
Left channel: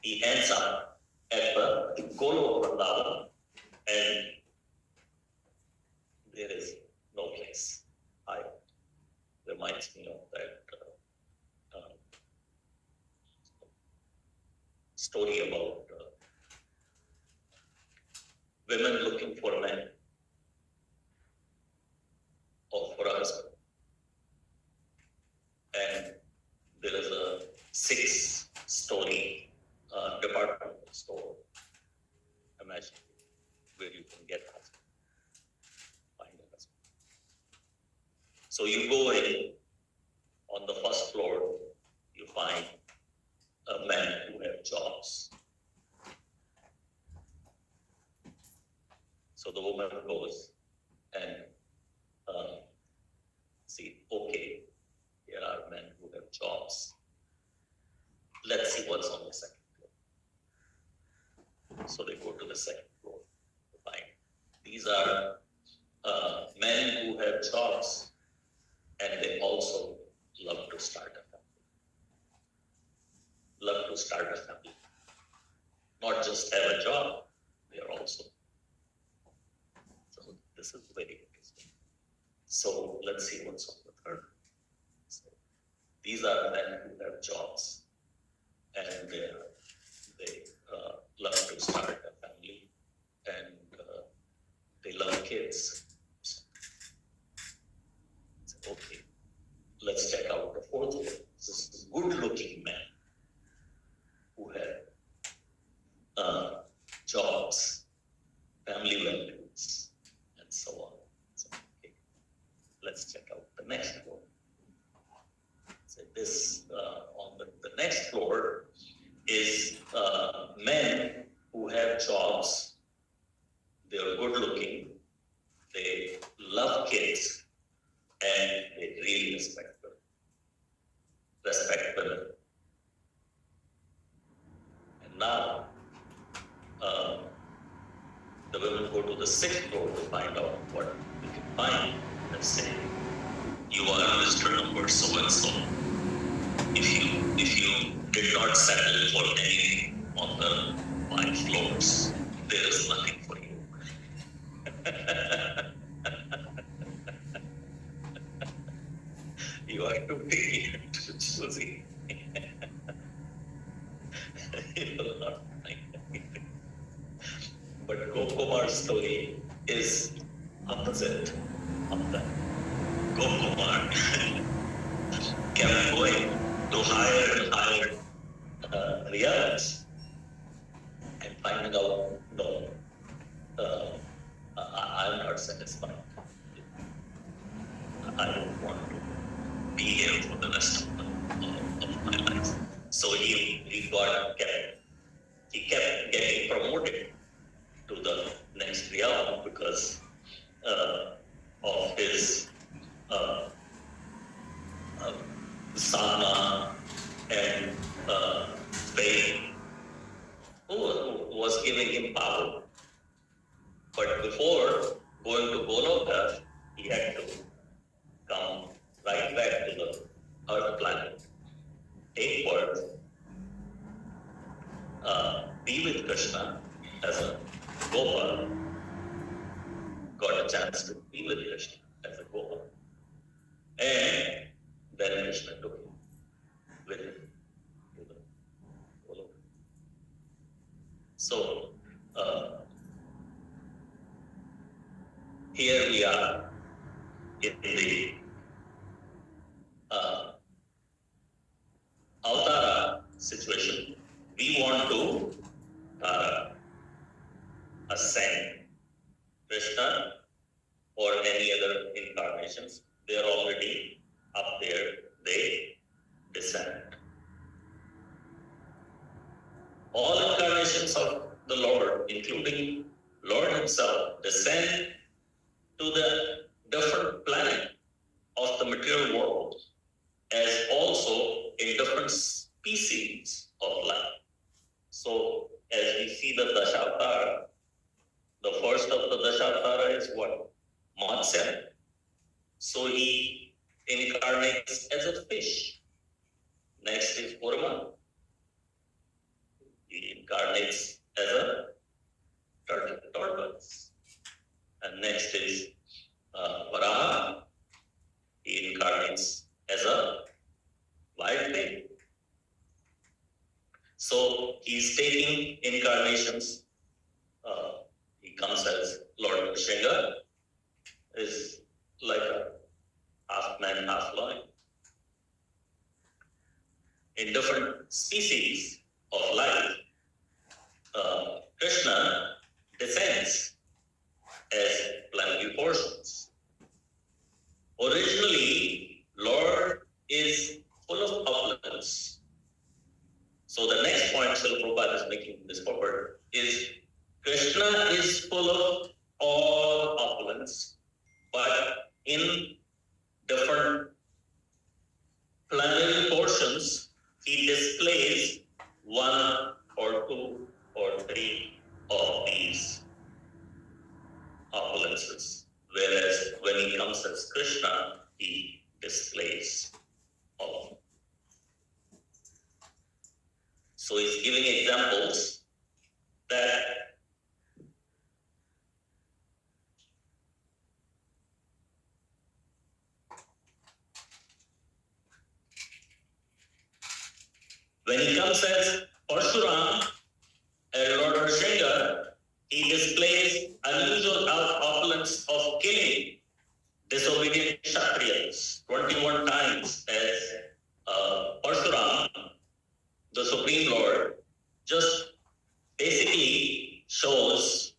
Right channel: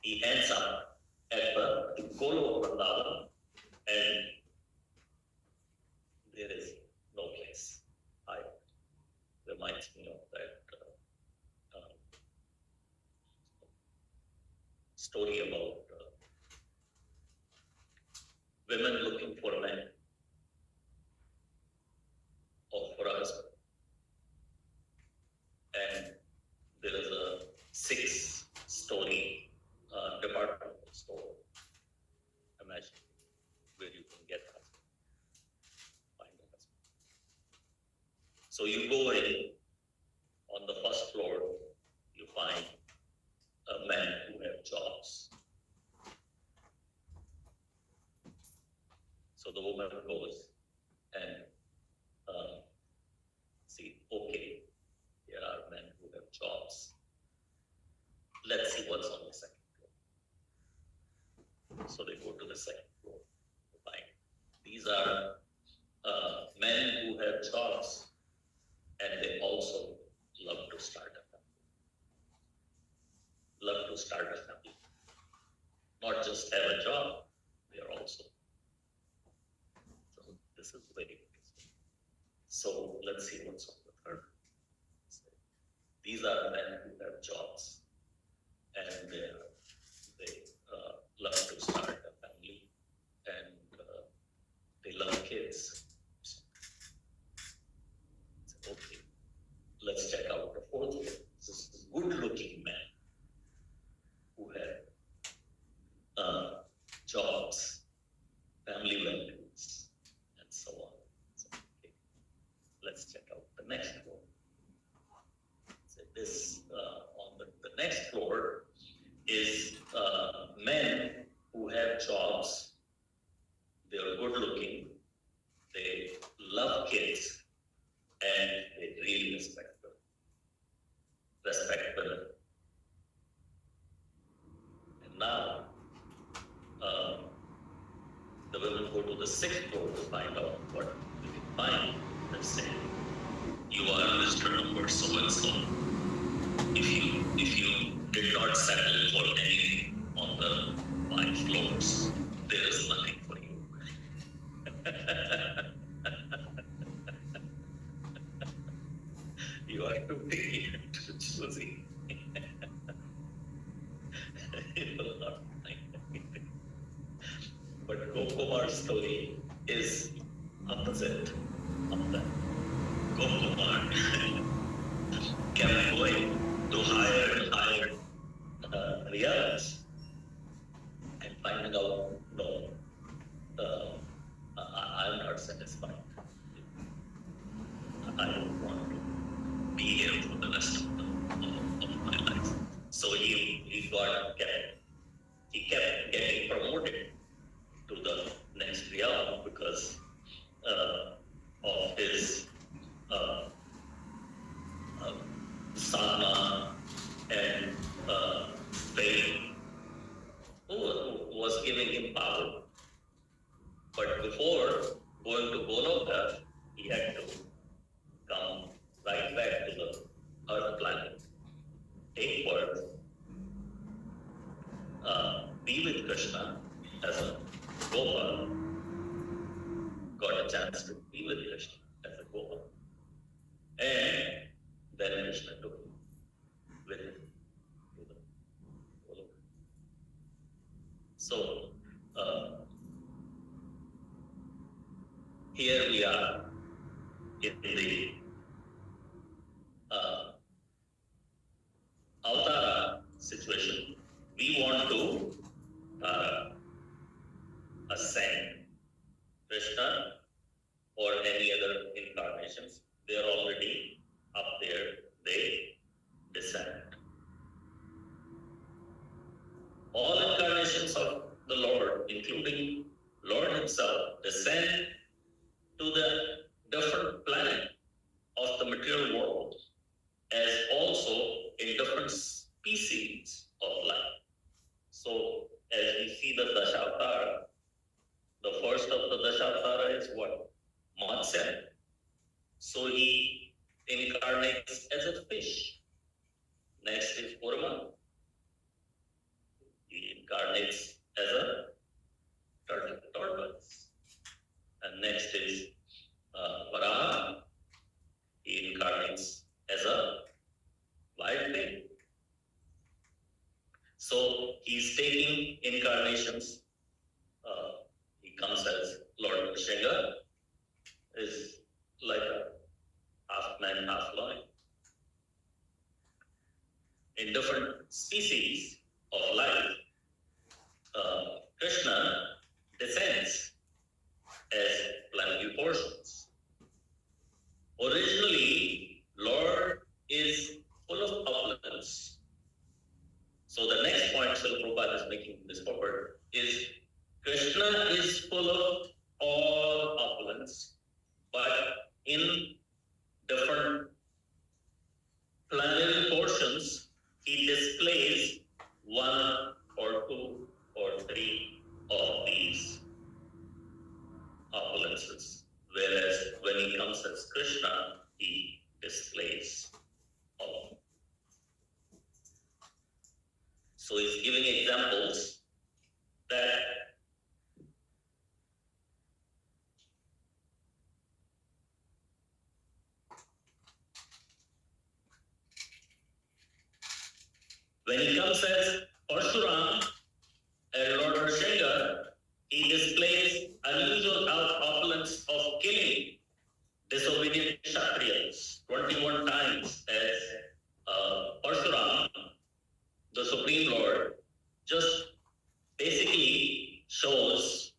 he ends up at the Goloka Vrindavan, and there is no place. Reminds me of that story about women looking for men or for a husband. And there is a 6-story department store, imagine, where you can get a husband, find a husband. So you go in, on the first floor, you find men who have jobs. So the woman Prabhupada goes and see, okay, here are men who have jobs. Let's see what's on the second floor. So they go to the second floor to find. These are men who have jobs and they also love to start a family. Love to start a family. Not just have a job, they are also. So this is very interesting. So let's see what's on the third. So these are men who have jobs and they love to start a family and they love kids. So, okay, let's check out the fourth one. This is a good-looking man who have jobs, family values, and so on. So, okay, let's check out the next floor. So this on the next floor is men who have jobs. They are good-looking. They love kids, and they really respect them. And now, the women go to the sixth floor to find out what they can find. Let's say, you are Mr. Number so and so. If you did not settle for anything on the 5 floors, there is nothing for you. You are too picky and too choosy. You will not find anything. But Gokumar's story is opposite of that. Gokumar kept going to higher and higher realities and finding out, no, I'm not satisfied. I don't want to be here for the rest of my life. So he kept getting promoted to the next realm because of his sadhana and faith, who was giving him power. But before going to Goloka, he had to come right back to the Earth planet, take birth, be with Krishna as a Gopal, got a chance to be with Krishna as a Gopal. And then Krishna took him with him to the Goloka. So, here we are in the Avtara situation. We want to ascend Krishna or any other incarnations. They are already up there. They descend. All incarnations of the Lord, including Lord himself, descend to the different planet of the material world as also in different species of life. So as we see the Dashavatara, the first of the Dashavatara is what? Matsya. So he incarnates as a fish. Next is Kurma. He incarnates as a tortoise. And next is Varaha. He incarnates as a wild pig. So he's taking incarnations. He comes as Lord Nrsimha, is like a half man, half lion. In different species of life, Krishna descends as planetary portions. Originally, Lord is full of opulence. So the next point Srila Prabhupada is making in this purport is Krishna is full of all opulence, but in different planetary portions, he displays one or two or three of these opulences. Whereas when he comes as Krishna, he displays all. So he's giving examples that when he comes as Parshuram and Lord Nrsimha, he displays unusual opulence of killing disobedient Kshatriyas 21 times as Parshuram, the Supreme Lord, just basically shows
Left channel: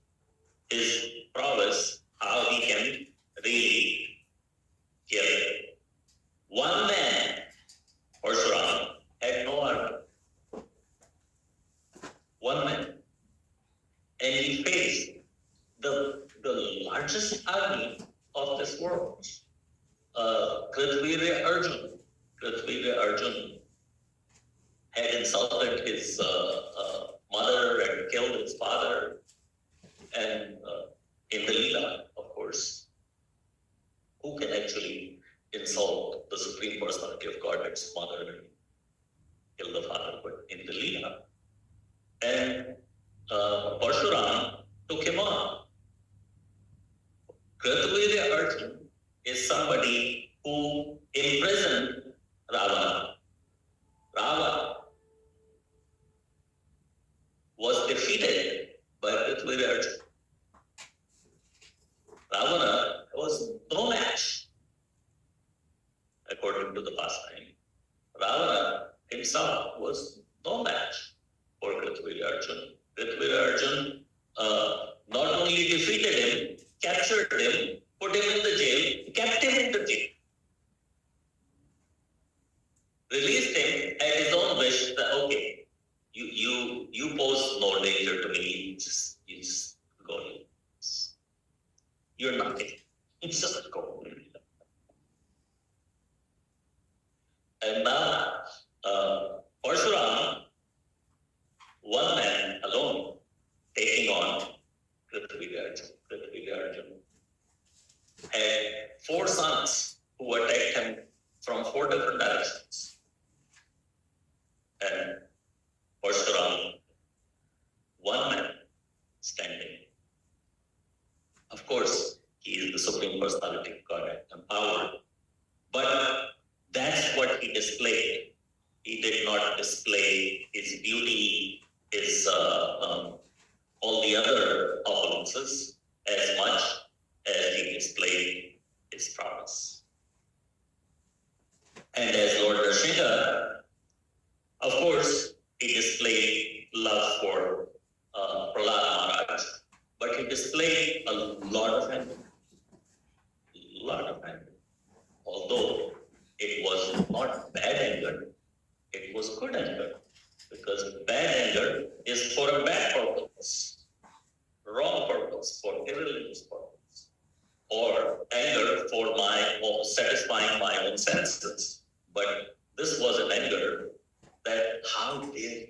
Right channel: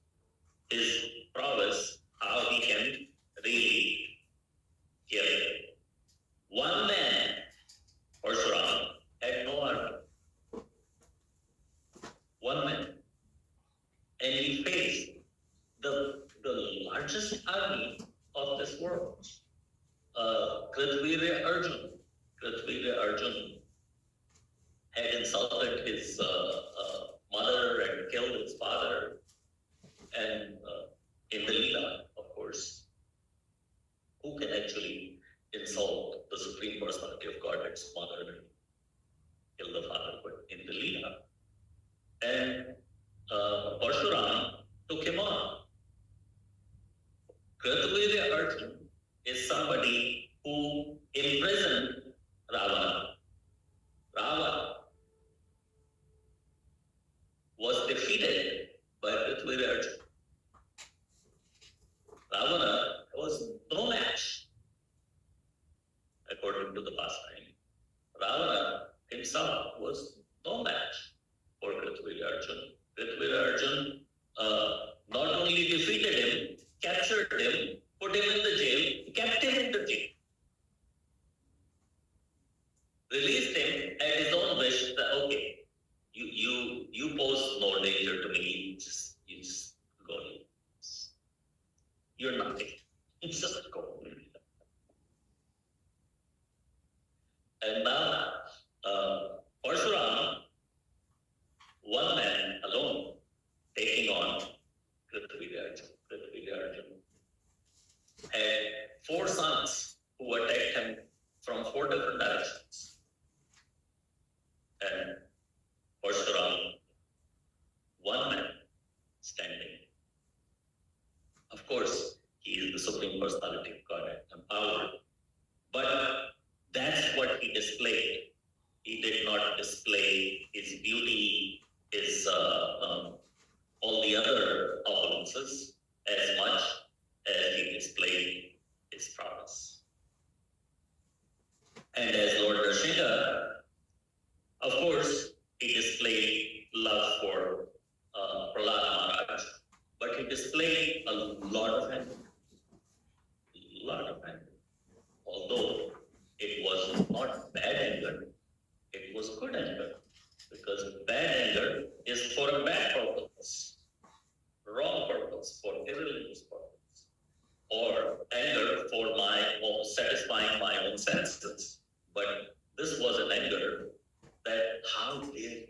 his prowess, how he can really kill. One man, Parshuram, had no army. One man. And he faced the largest army of this world. Kritvira Arjun had insulted his mother and killed his father. And in the Leela, of course, who can actually insult the Supreme Personality of Godhead's mother and kill the father? But in the Leela. And Parshuram took him on. Kritvira Arjun is somebody who imprisoned Ravana. Ravana was defeated by Kritvira Arjun. Ravana was no match, according to the pastime. Ravana himself was no match for Kritvira Arjun. Kritvira Arjun not only defeated him, captured him, put him in the jail, kept him in the jail. Released him at his own wish that, okay, you pose no danger to me, you just go. You're nothing. It's just go. And now, Parshuram, one man alone, taking on Kritvira Arjun, had 4 sons who attacked him from 4 different directions. And Parshuram, one man standing. Of course, he is the Supreme Personality of Godhead, empowered. But that's what he displayed. He did not display his beauty, his all the other opulences as much as he displayed his prowess. And as Lord Nrsimha, of course, he displayed love for Prahlad Maharaj, but he displayed a lot of anger. Although it was not bad anger, it was good anger. Because bad anger is for a bad purpose, wrong purpose, for irreligious purpose, or anger for satisfying my own senses. But this was an anger that, how dare you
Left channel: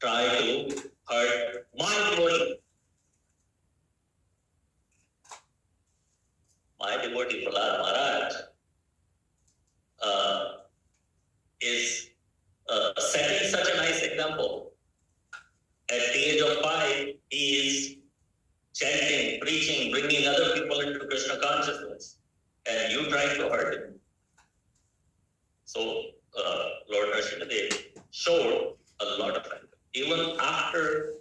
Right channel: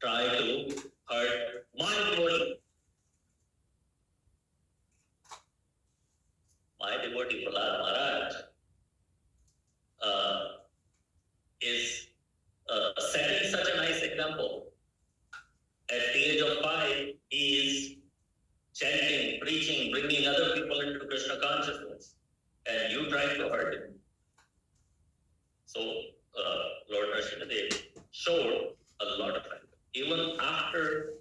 try to hurt my devotee? My devotee Prahlad Maharaj is setting such a nice example. At the age of 5, he is chanting, preaching, bringing other people into Krishna consciousness, and you trying to hurt him. So Lord Nrsimhadev showed a lot of anger. Even after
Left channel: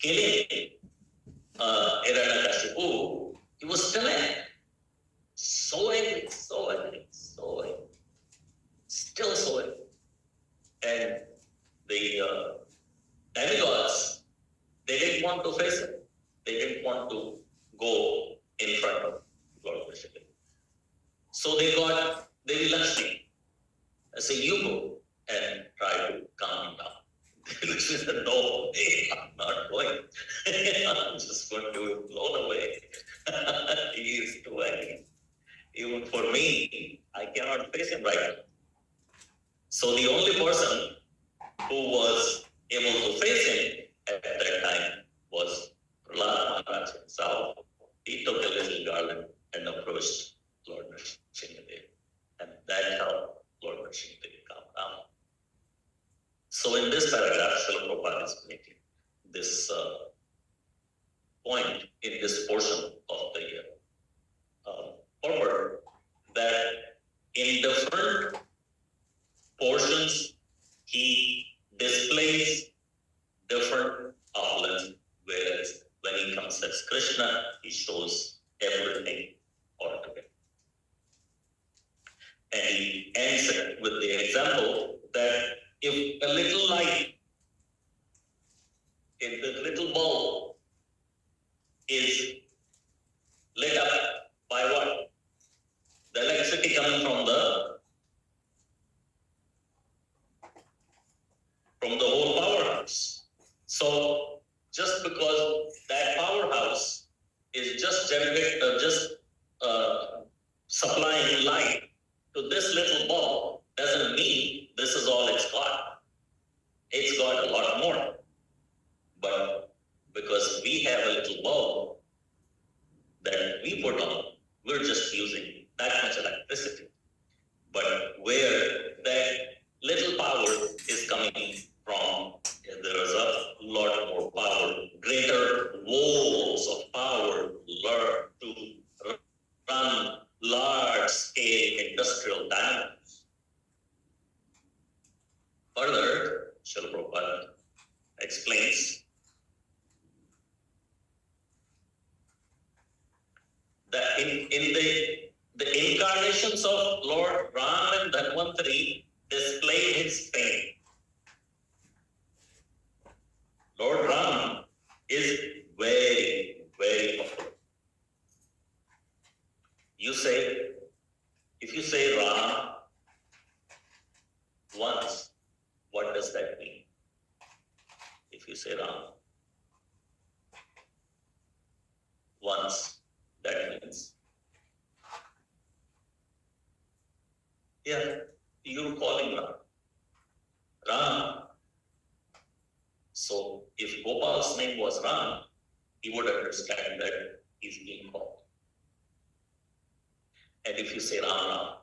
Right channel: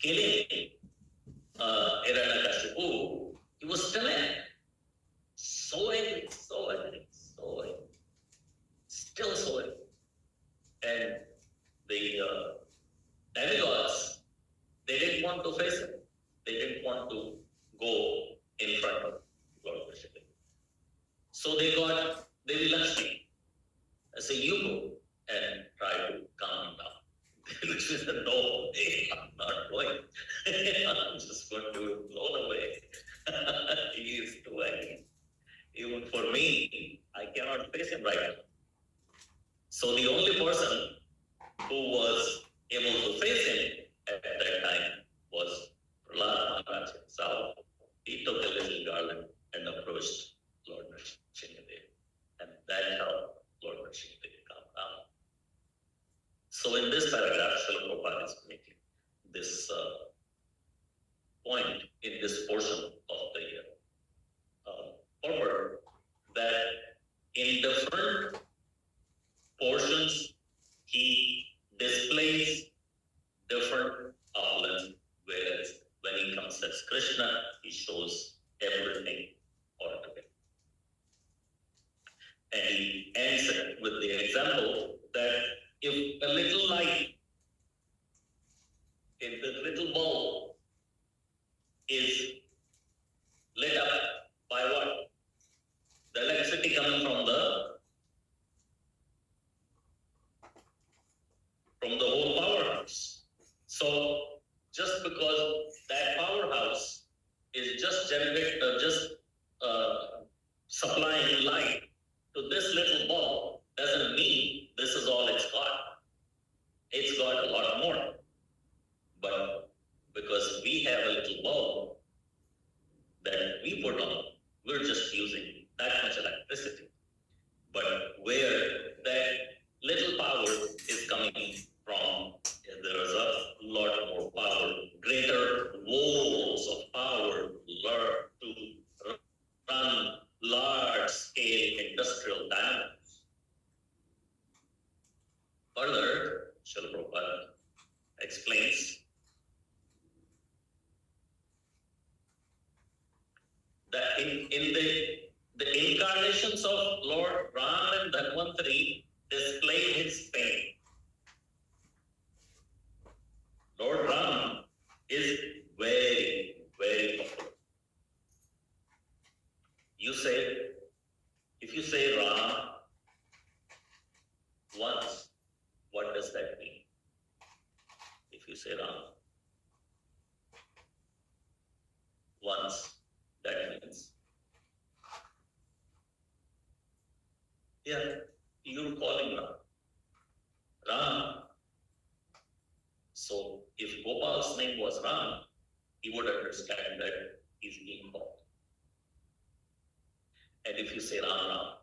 killing Hiranyakashipu, he was still angry. So angry. Still so angry. And the demigods, they didn't want to face him. They didn't want to go in front of Lord Krishna. So they got Devi Lakshmi. I say, you go and try to calm him down. Devi Lakshmi said, no, I'm not going. only person who was able to face him at that time was Prahlad Maharaj himself. He took a little garland and approached Lord Nrsimhadev, and that helped Lord Nrsimhadev calm down. So in this paragraph, Srila Prabhupada is making this point in this portion of the purport that in different portions he displays different opulence, whereas when he comes as Krishna, he shows everything altogether. And he ends it with the example that if a little light, if the little bulb is lit up by what? The electricity coming from the whole powerhouse. So just because that powerhouse is just supplying light to this little bulb doesn't mean this is all it's got. It's got a lot more. But because we have a little bulb that we put on, we're just using that much electricity. But where that little power is coming from, there is a lot more power, greater walls of power to run large-scale industrial dynamics. Further, Srila Prabhupada explains that in the incarnations of Lord Ram and Dhanvantari display his fame. Lord Ram is very, very popular. If you say Ram once, what does that mean? If you say Ram once, that means, you're calling Ram. Ram. So if Gopal's name was Ram, he would understand that he's being called. And if you say Ram Ram,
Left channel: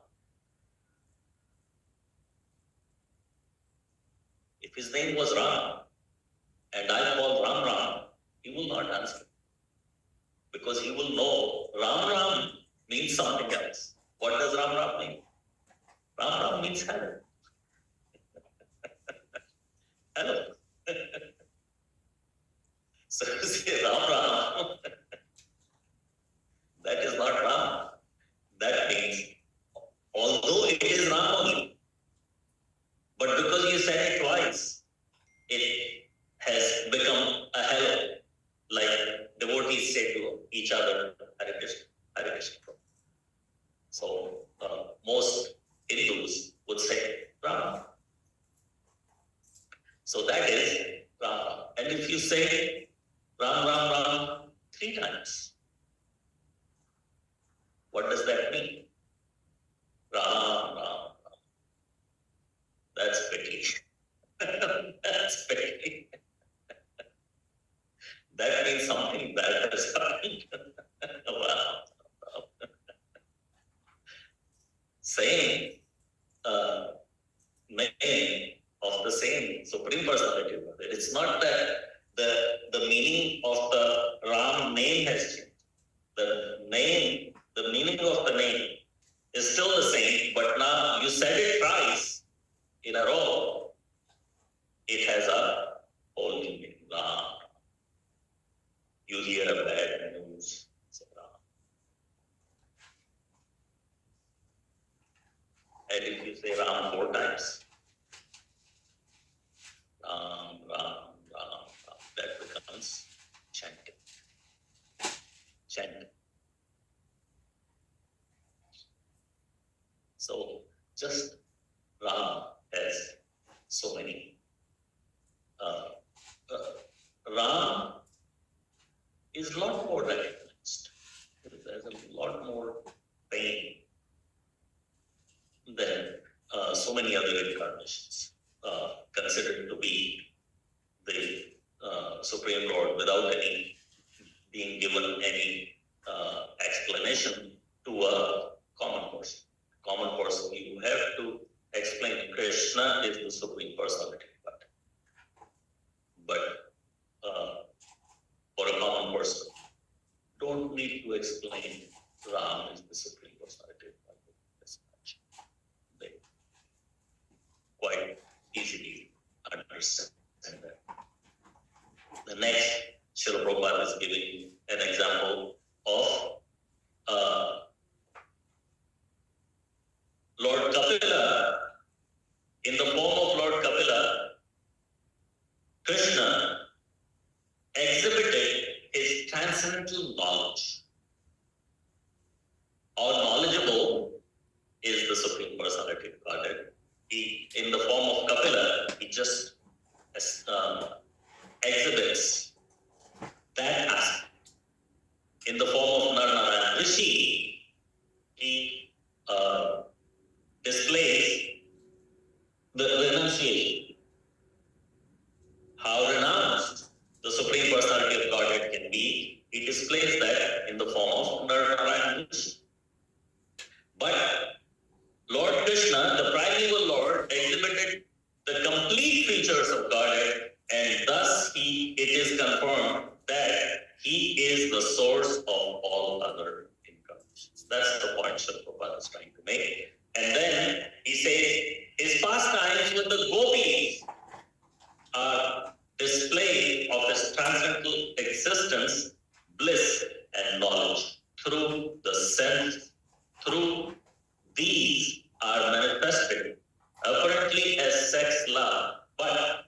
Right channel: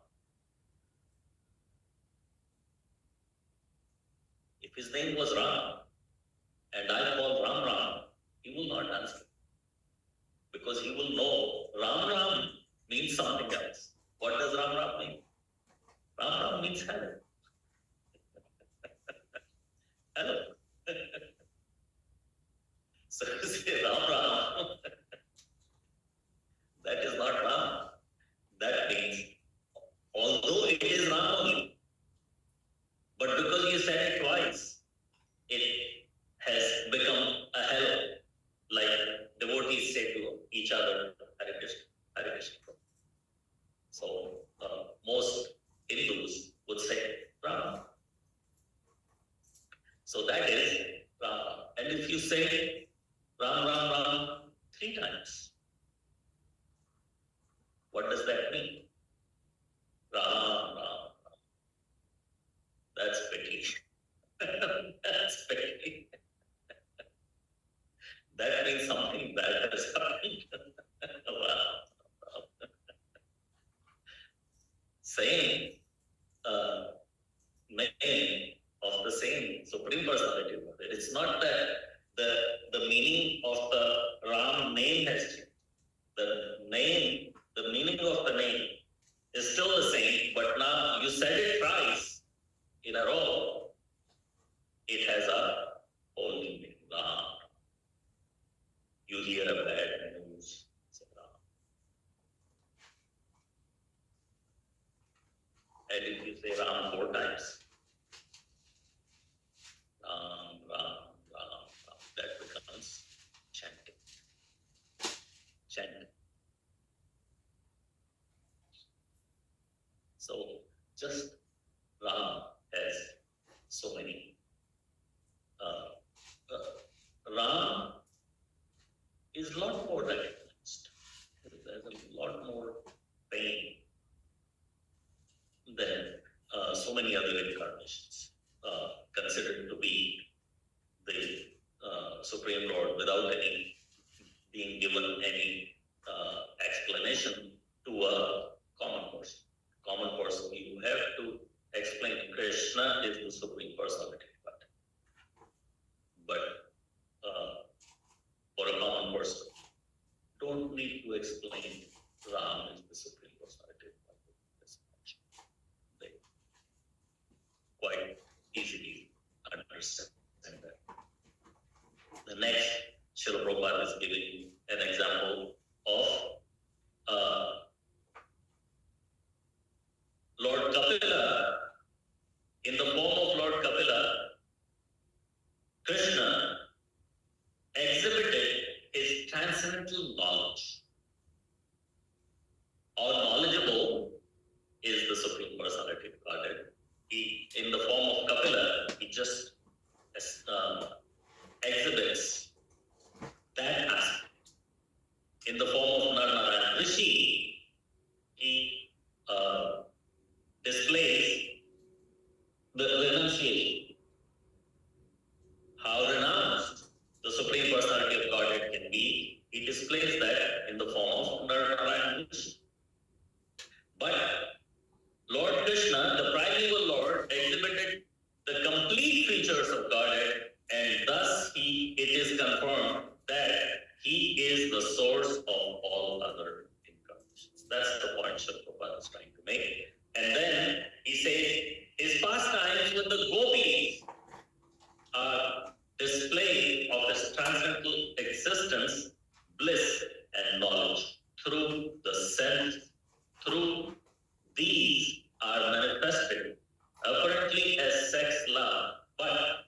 if his name was Ram and I call Ram Ram, he will not answer. Because he will know Ram Ram means something else. What does Ram Ram mean? Ram Ram means hello. Hello. So you say Ram Ram, that is not Ram. That means, although it is Ram only, but because you said it twice, it has become a hello, like devotees say to each other, Hare Krishna, Hare Krishna. So most Hindus would say Ram. So that is Ram. And if you say Ram, Ram, Ram 3 times, what does that mean? Ram, Ram, Ram. That's pity. That's pity. That means something bad has happened. Wow. Same name of the same Supreme Personality. It's not that the meaning of the Ram name has changed. The meaning of the name is still the same, but now you said it twice in a row, it has a whole new meaning. Ram. You hear a bad news, say Ram. And if you say Ram 4 times, Ram, Ram, Ram, Ram, that becomes chanting. Chanting. So just Ram has so many. Ram is a lot more recognized. There's a lot more pain than so many other incarnations. considered to be the Supreme Lord without any being given any explanation to a common person. Common person, you have to explain Krishna is the Supreme Personality. But for a common person, don't need to explain Ram is the Supreme Personality. They quite easily understand that. The next, Srila Prabhupada is giving an example of Lord Kapila. In the form of Lord Kapila, Krishna exhibited his transcendental knowledge. How knowledgeable is the Supreme Personality of Godhead? He, in the form of Kapila, he just exhibits that aspect. In the form of Narnarayan Rishi, he displays the renunciation. How renounced the Supreme Personality of Godhead can be, he displays that in the form of Narnarayan Rishi. But Lord Krishna, the primeval Lord, exhibited the complete features of Godhead, and thus it is confirmed that he is the source of all other incarnations. That's the point Srila Prabhupada is trying to make. And then he says, his pastimes with the gopis are display of his transcendental existence, bliss, and knowledge through the sense. Through these are manifested apparently as sex love, but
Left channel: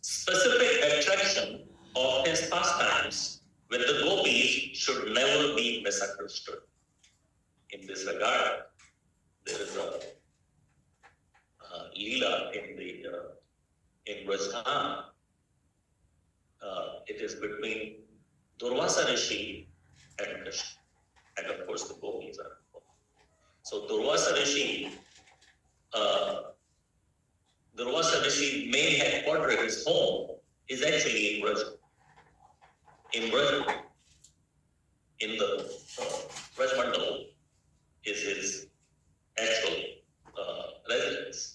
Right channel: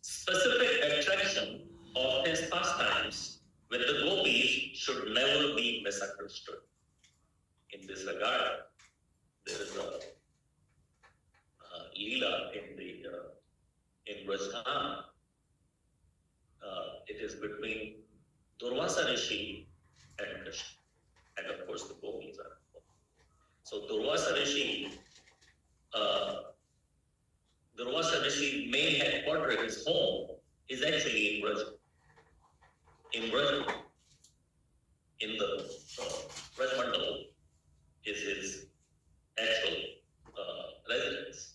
specific attraction of his pastimes with the gopis should never be misunderstood. In this regard, there is a Leela in Rajasthan. It is between Durvasa Rishi and Krishna, and of course the gopis are involved. So Durvasa Rishi main headquarters, his home is actually in Braj. In Braj, in the Braj Mandal is his actual residence.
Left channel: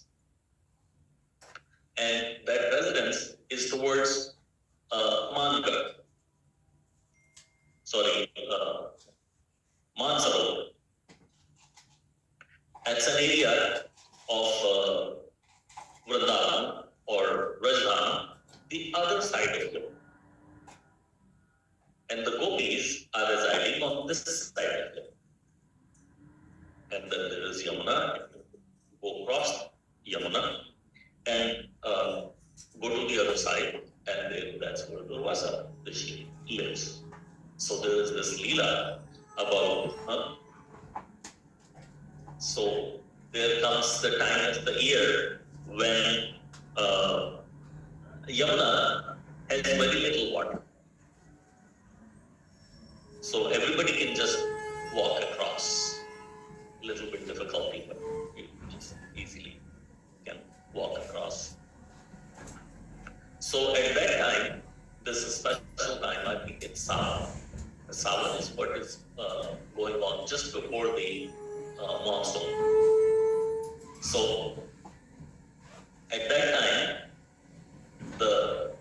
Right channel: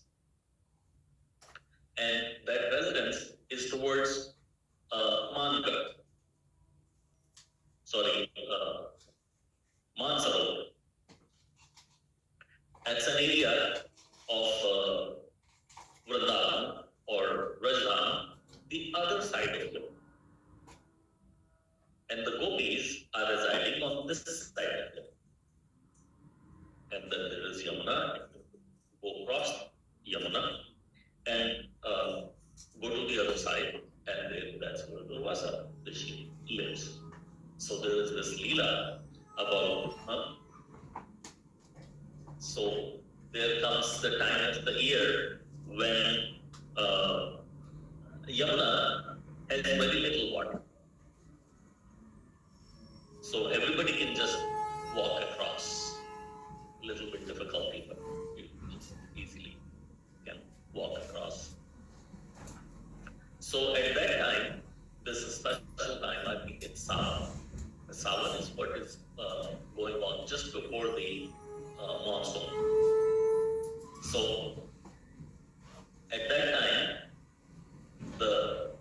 And that residence is towards Mangar. Mansarovar. That's an area of Vrindavan or Rajasthan, the other side of it. And the gopis are residing on this side of it. And then there is Yamuna, go across Yamuna and go to the other side, and then that's where Durvasa Rishi lives. So there is this Leela about, so there comes the time of the year when Yamuna has very little water. So everybody can just walk across. A little bit difficulty, but you just easily can walk across. So at that time, this is a special time, I think it's Sawan. Sawan is what is going on just before the monsoon. So at that time, the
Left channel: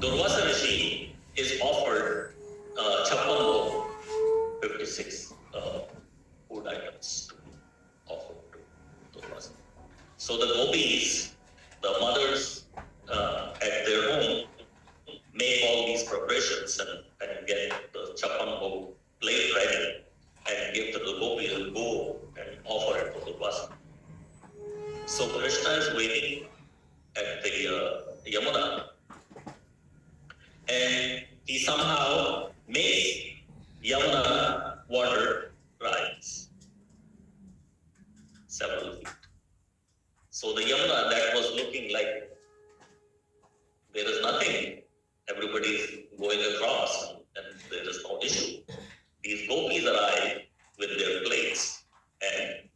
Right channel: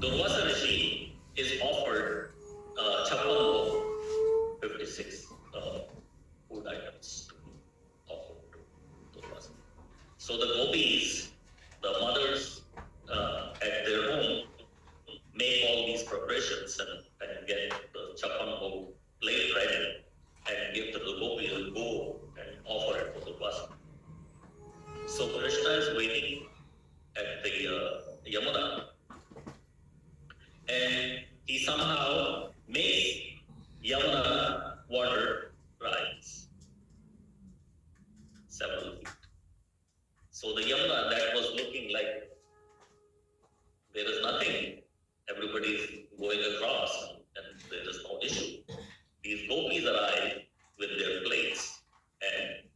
Durvasa Rishi is offered Chappan 56 food items to be offered to Durvasa. So the gopis, the mothers at their home, make all these preparations and get the Chappan plate ready and give to the gopis and go and offer it to Durvasa. So Krishna is waiting at the Yamuna, and he somehow makes Yamuna water rise several feet. So the Yamuna that was looking like there is nothing, everybody is going across and there is no issue. These gopis arrive with their plates and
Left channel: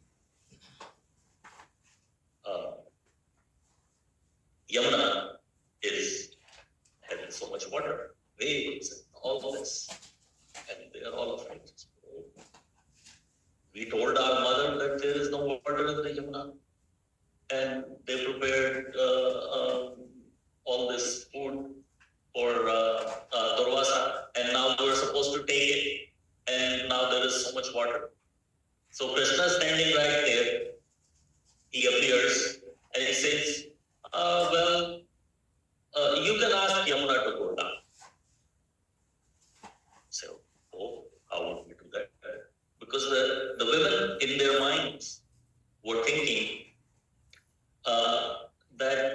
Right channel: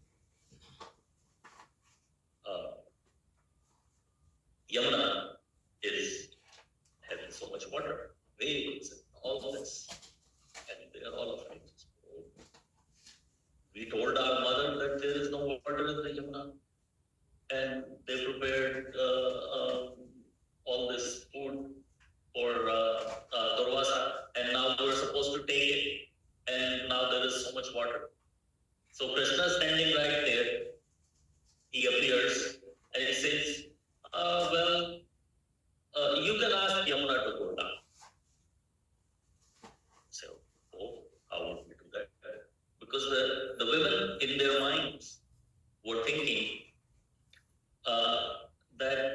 Yamuna is having so much water, waves, and all this, and they are all afraid. We told our mother that there is no water in the Yamuna, and they prepared all this food for Durvasa, and now we're supposed to take it, and now there is so much water. So Krishna is standing right there. He appears and he says, you can ask Yamuna to go down. So, how would we do that? Because the women in their minds were thinking that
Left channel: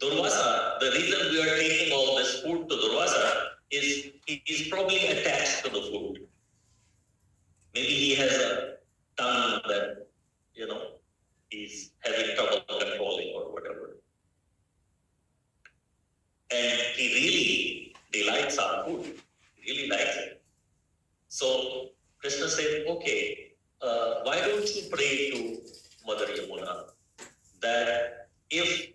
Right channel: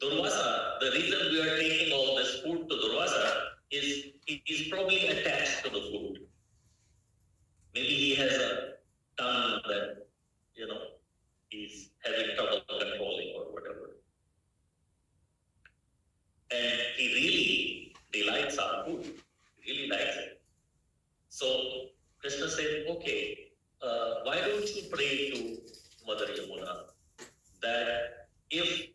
Durvasa, the reason we are taking all this food to Durvasa is he is probably attached to the food. Maybe he has a tongue that, he's having trouble controlling or whatever. And he really delights our food, really likes it. So Krishna said, okay, why don't you pray to Mother Yamuna that if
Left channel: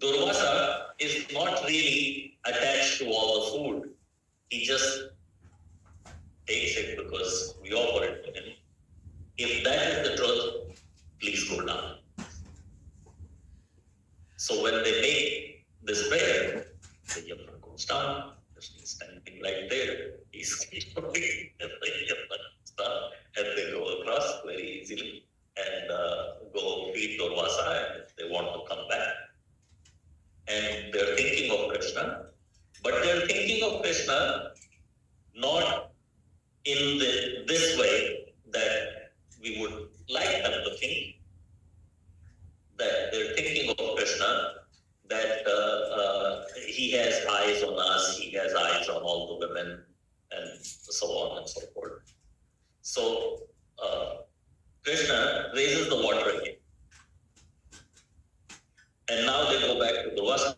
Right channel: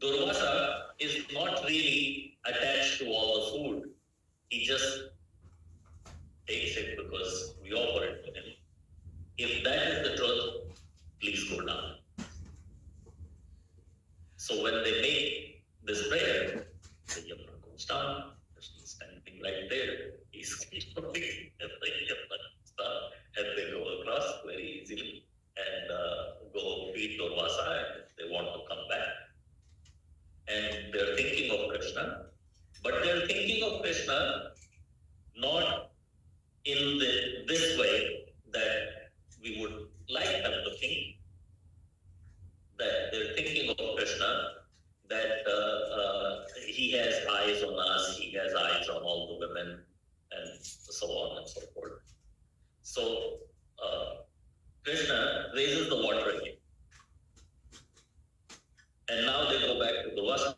Durvasa is not really attached to all the food, he just takes it because we offer it to him. If that is the truth, please go down. So when they make this prayer, the Yamuna goes down. He's standing right there. He's looking at the Yamuna stuff, and they go across very easily and go feed Durvasa, and if they want to come back. And they're thinking of Krishna, but they're thinking of Krishna not in this way that we would like them to think. That they're thinking of Krishna, that he has eyes on us, he has eyes on all the women, and so on and so forth. So Krishna raises the water again. And now they go back to Durvasa.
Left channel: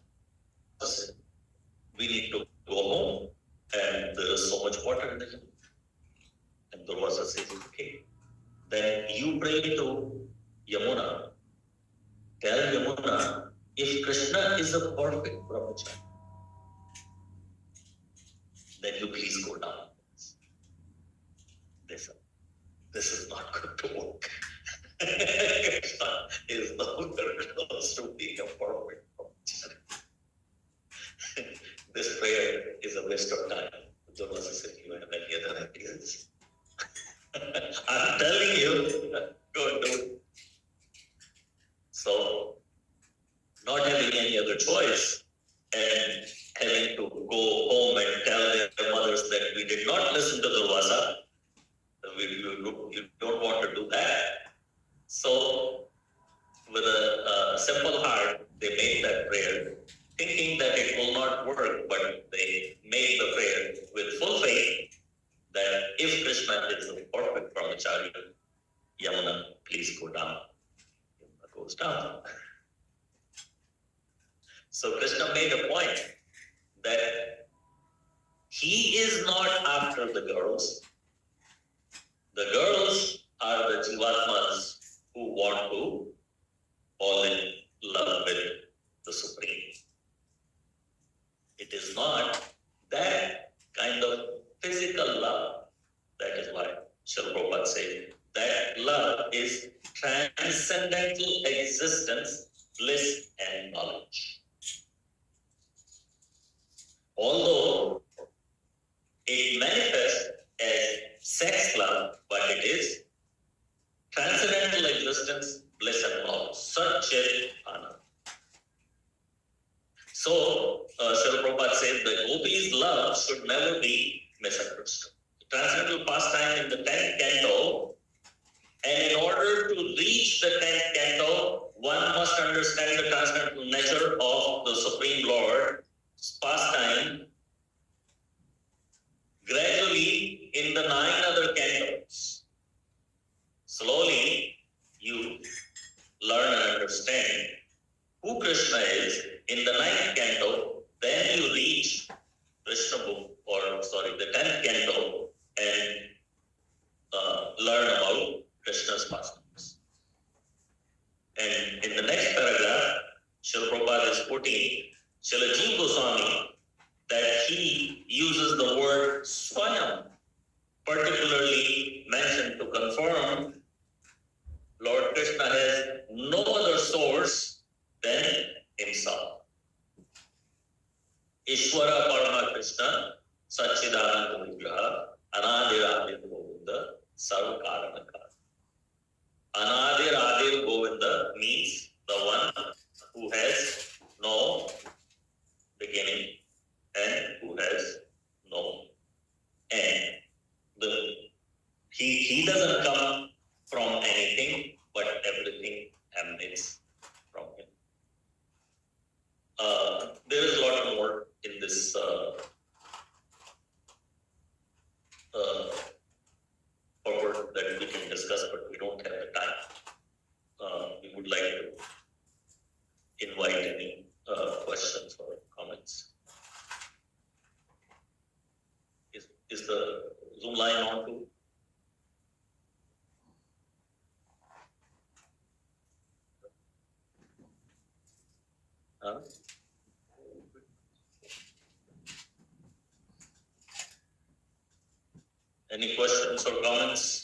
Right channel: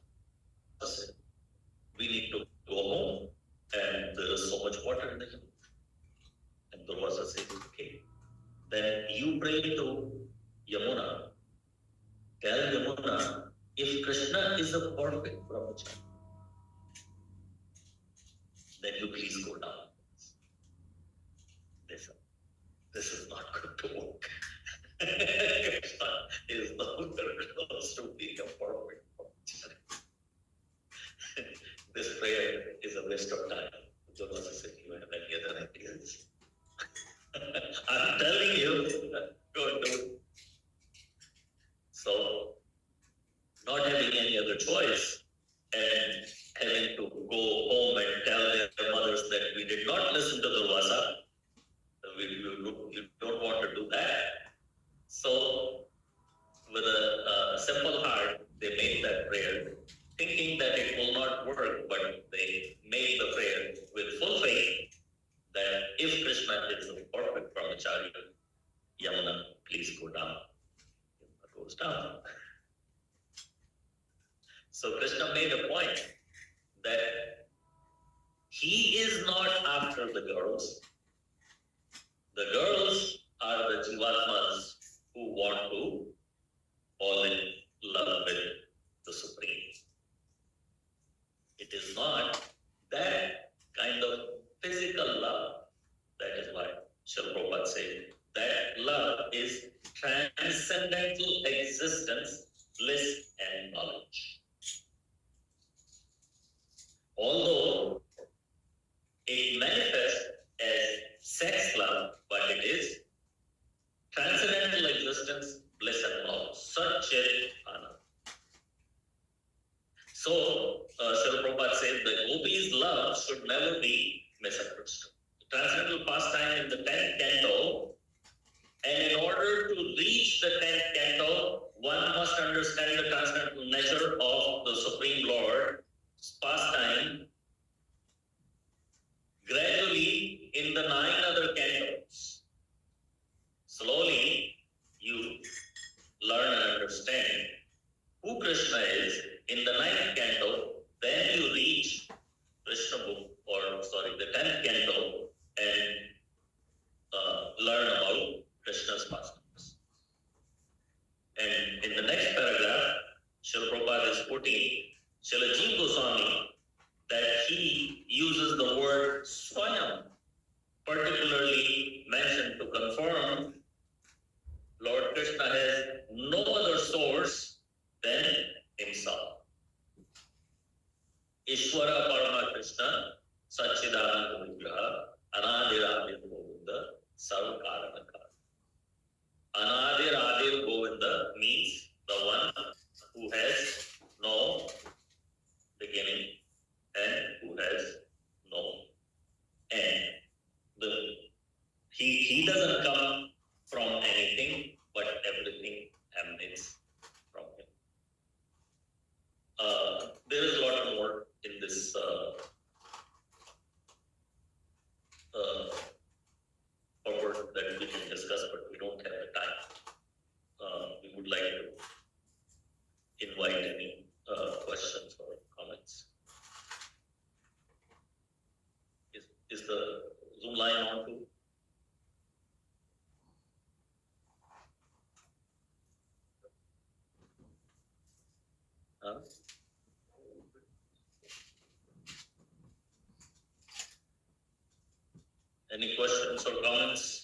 We need to go home, and there's so much water in the hill. And Durvasa says, okay, then you pray to Yamuna. Tell Yamuna, if Krishna is a perfect brahmachari, then you please go down. This is not going to work. Krishna is nowhere close to being a perfect brahmachari. This prayer is a waste of time. Durvasa said, you have any other ideas? I'm telling you, go and do it. So, not having any other choice and having to go home and tell their mothers that we did not listen to Durvasa, you don't want to do that. So, with a simple heart, they made that prayer, thinking that it will not work, but they made the prayer with full faith that if Krishna is a perfect brahmachari, Yamuna, please go down. Yamuna goes down. So Krishna made a point that he is not after the girls. The girls are the Jivatmas who want to fall in love with the Supreme. It is not that kind of physical love. That is why Srila Prabhupada says that love is transcendental existence, bliss, and knowledge. Although it manifests as sex love, but it is transcendental existence, bliss, and knowledge. Satchit Anand. So, Srila Prabhupada said that gopis' love should never be misunderstood. Transcendental pastime in the 10th canto, and in order to reach the 10th canto, one must understand the transcendental nature of the Supreme Lord's pastime gradually in the 9 other cantos. Slowly, you learn and understand who Krishna is in the 9th canto, then you reach Krishna book, the 10th canto, and learn about Krishna's pastimes. Lord Krishna has no other source than himself. Ishvara Parama Krishna Satchidananda Vigraha Anadir Adir Govinda Sarvakaranaka. Anadir Adir Govinda means the one who has no beginning and who has no end. He doesn't come from anything, but everything emanates from him. There is a lot more in this purport that we can discuss, but we don't have the time. We would like to invite any questions or comments. Is the Zoom line on too? Any questions or comments?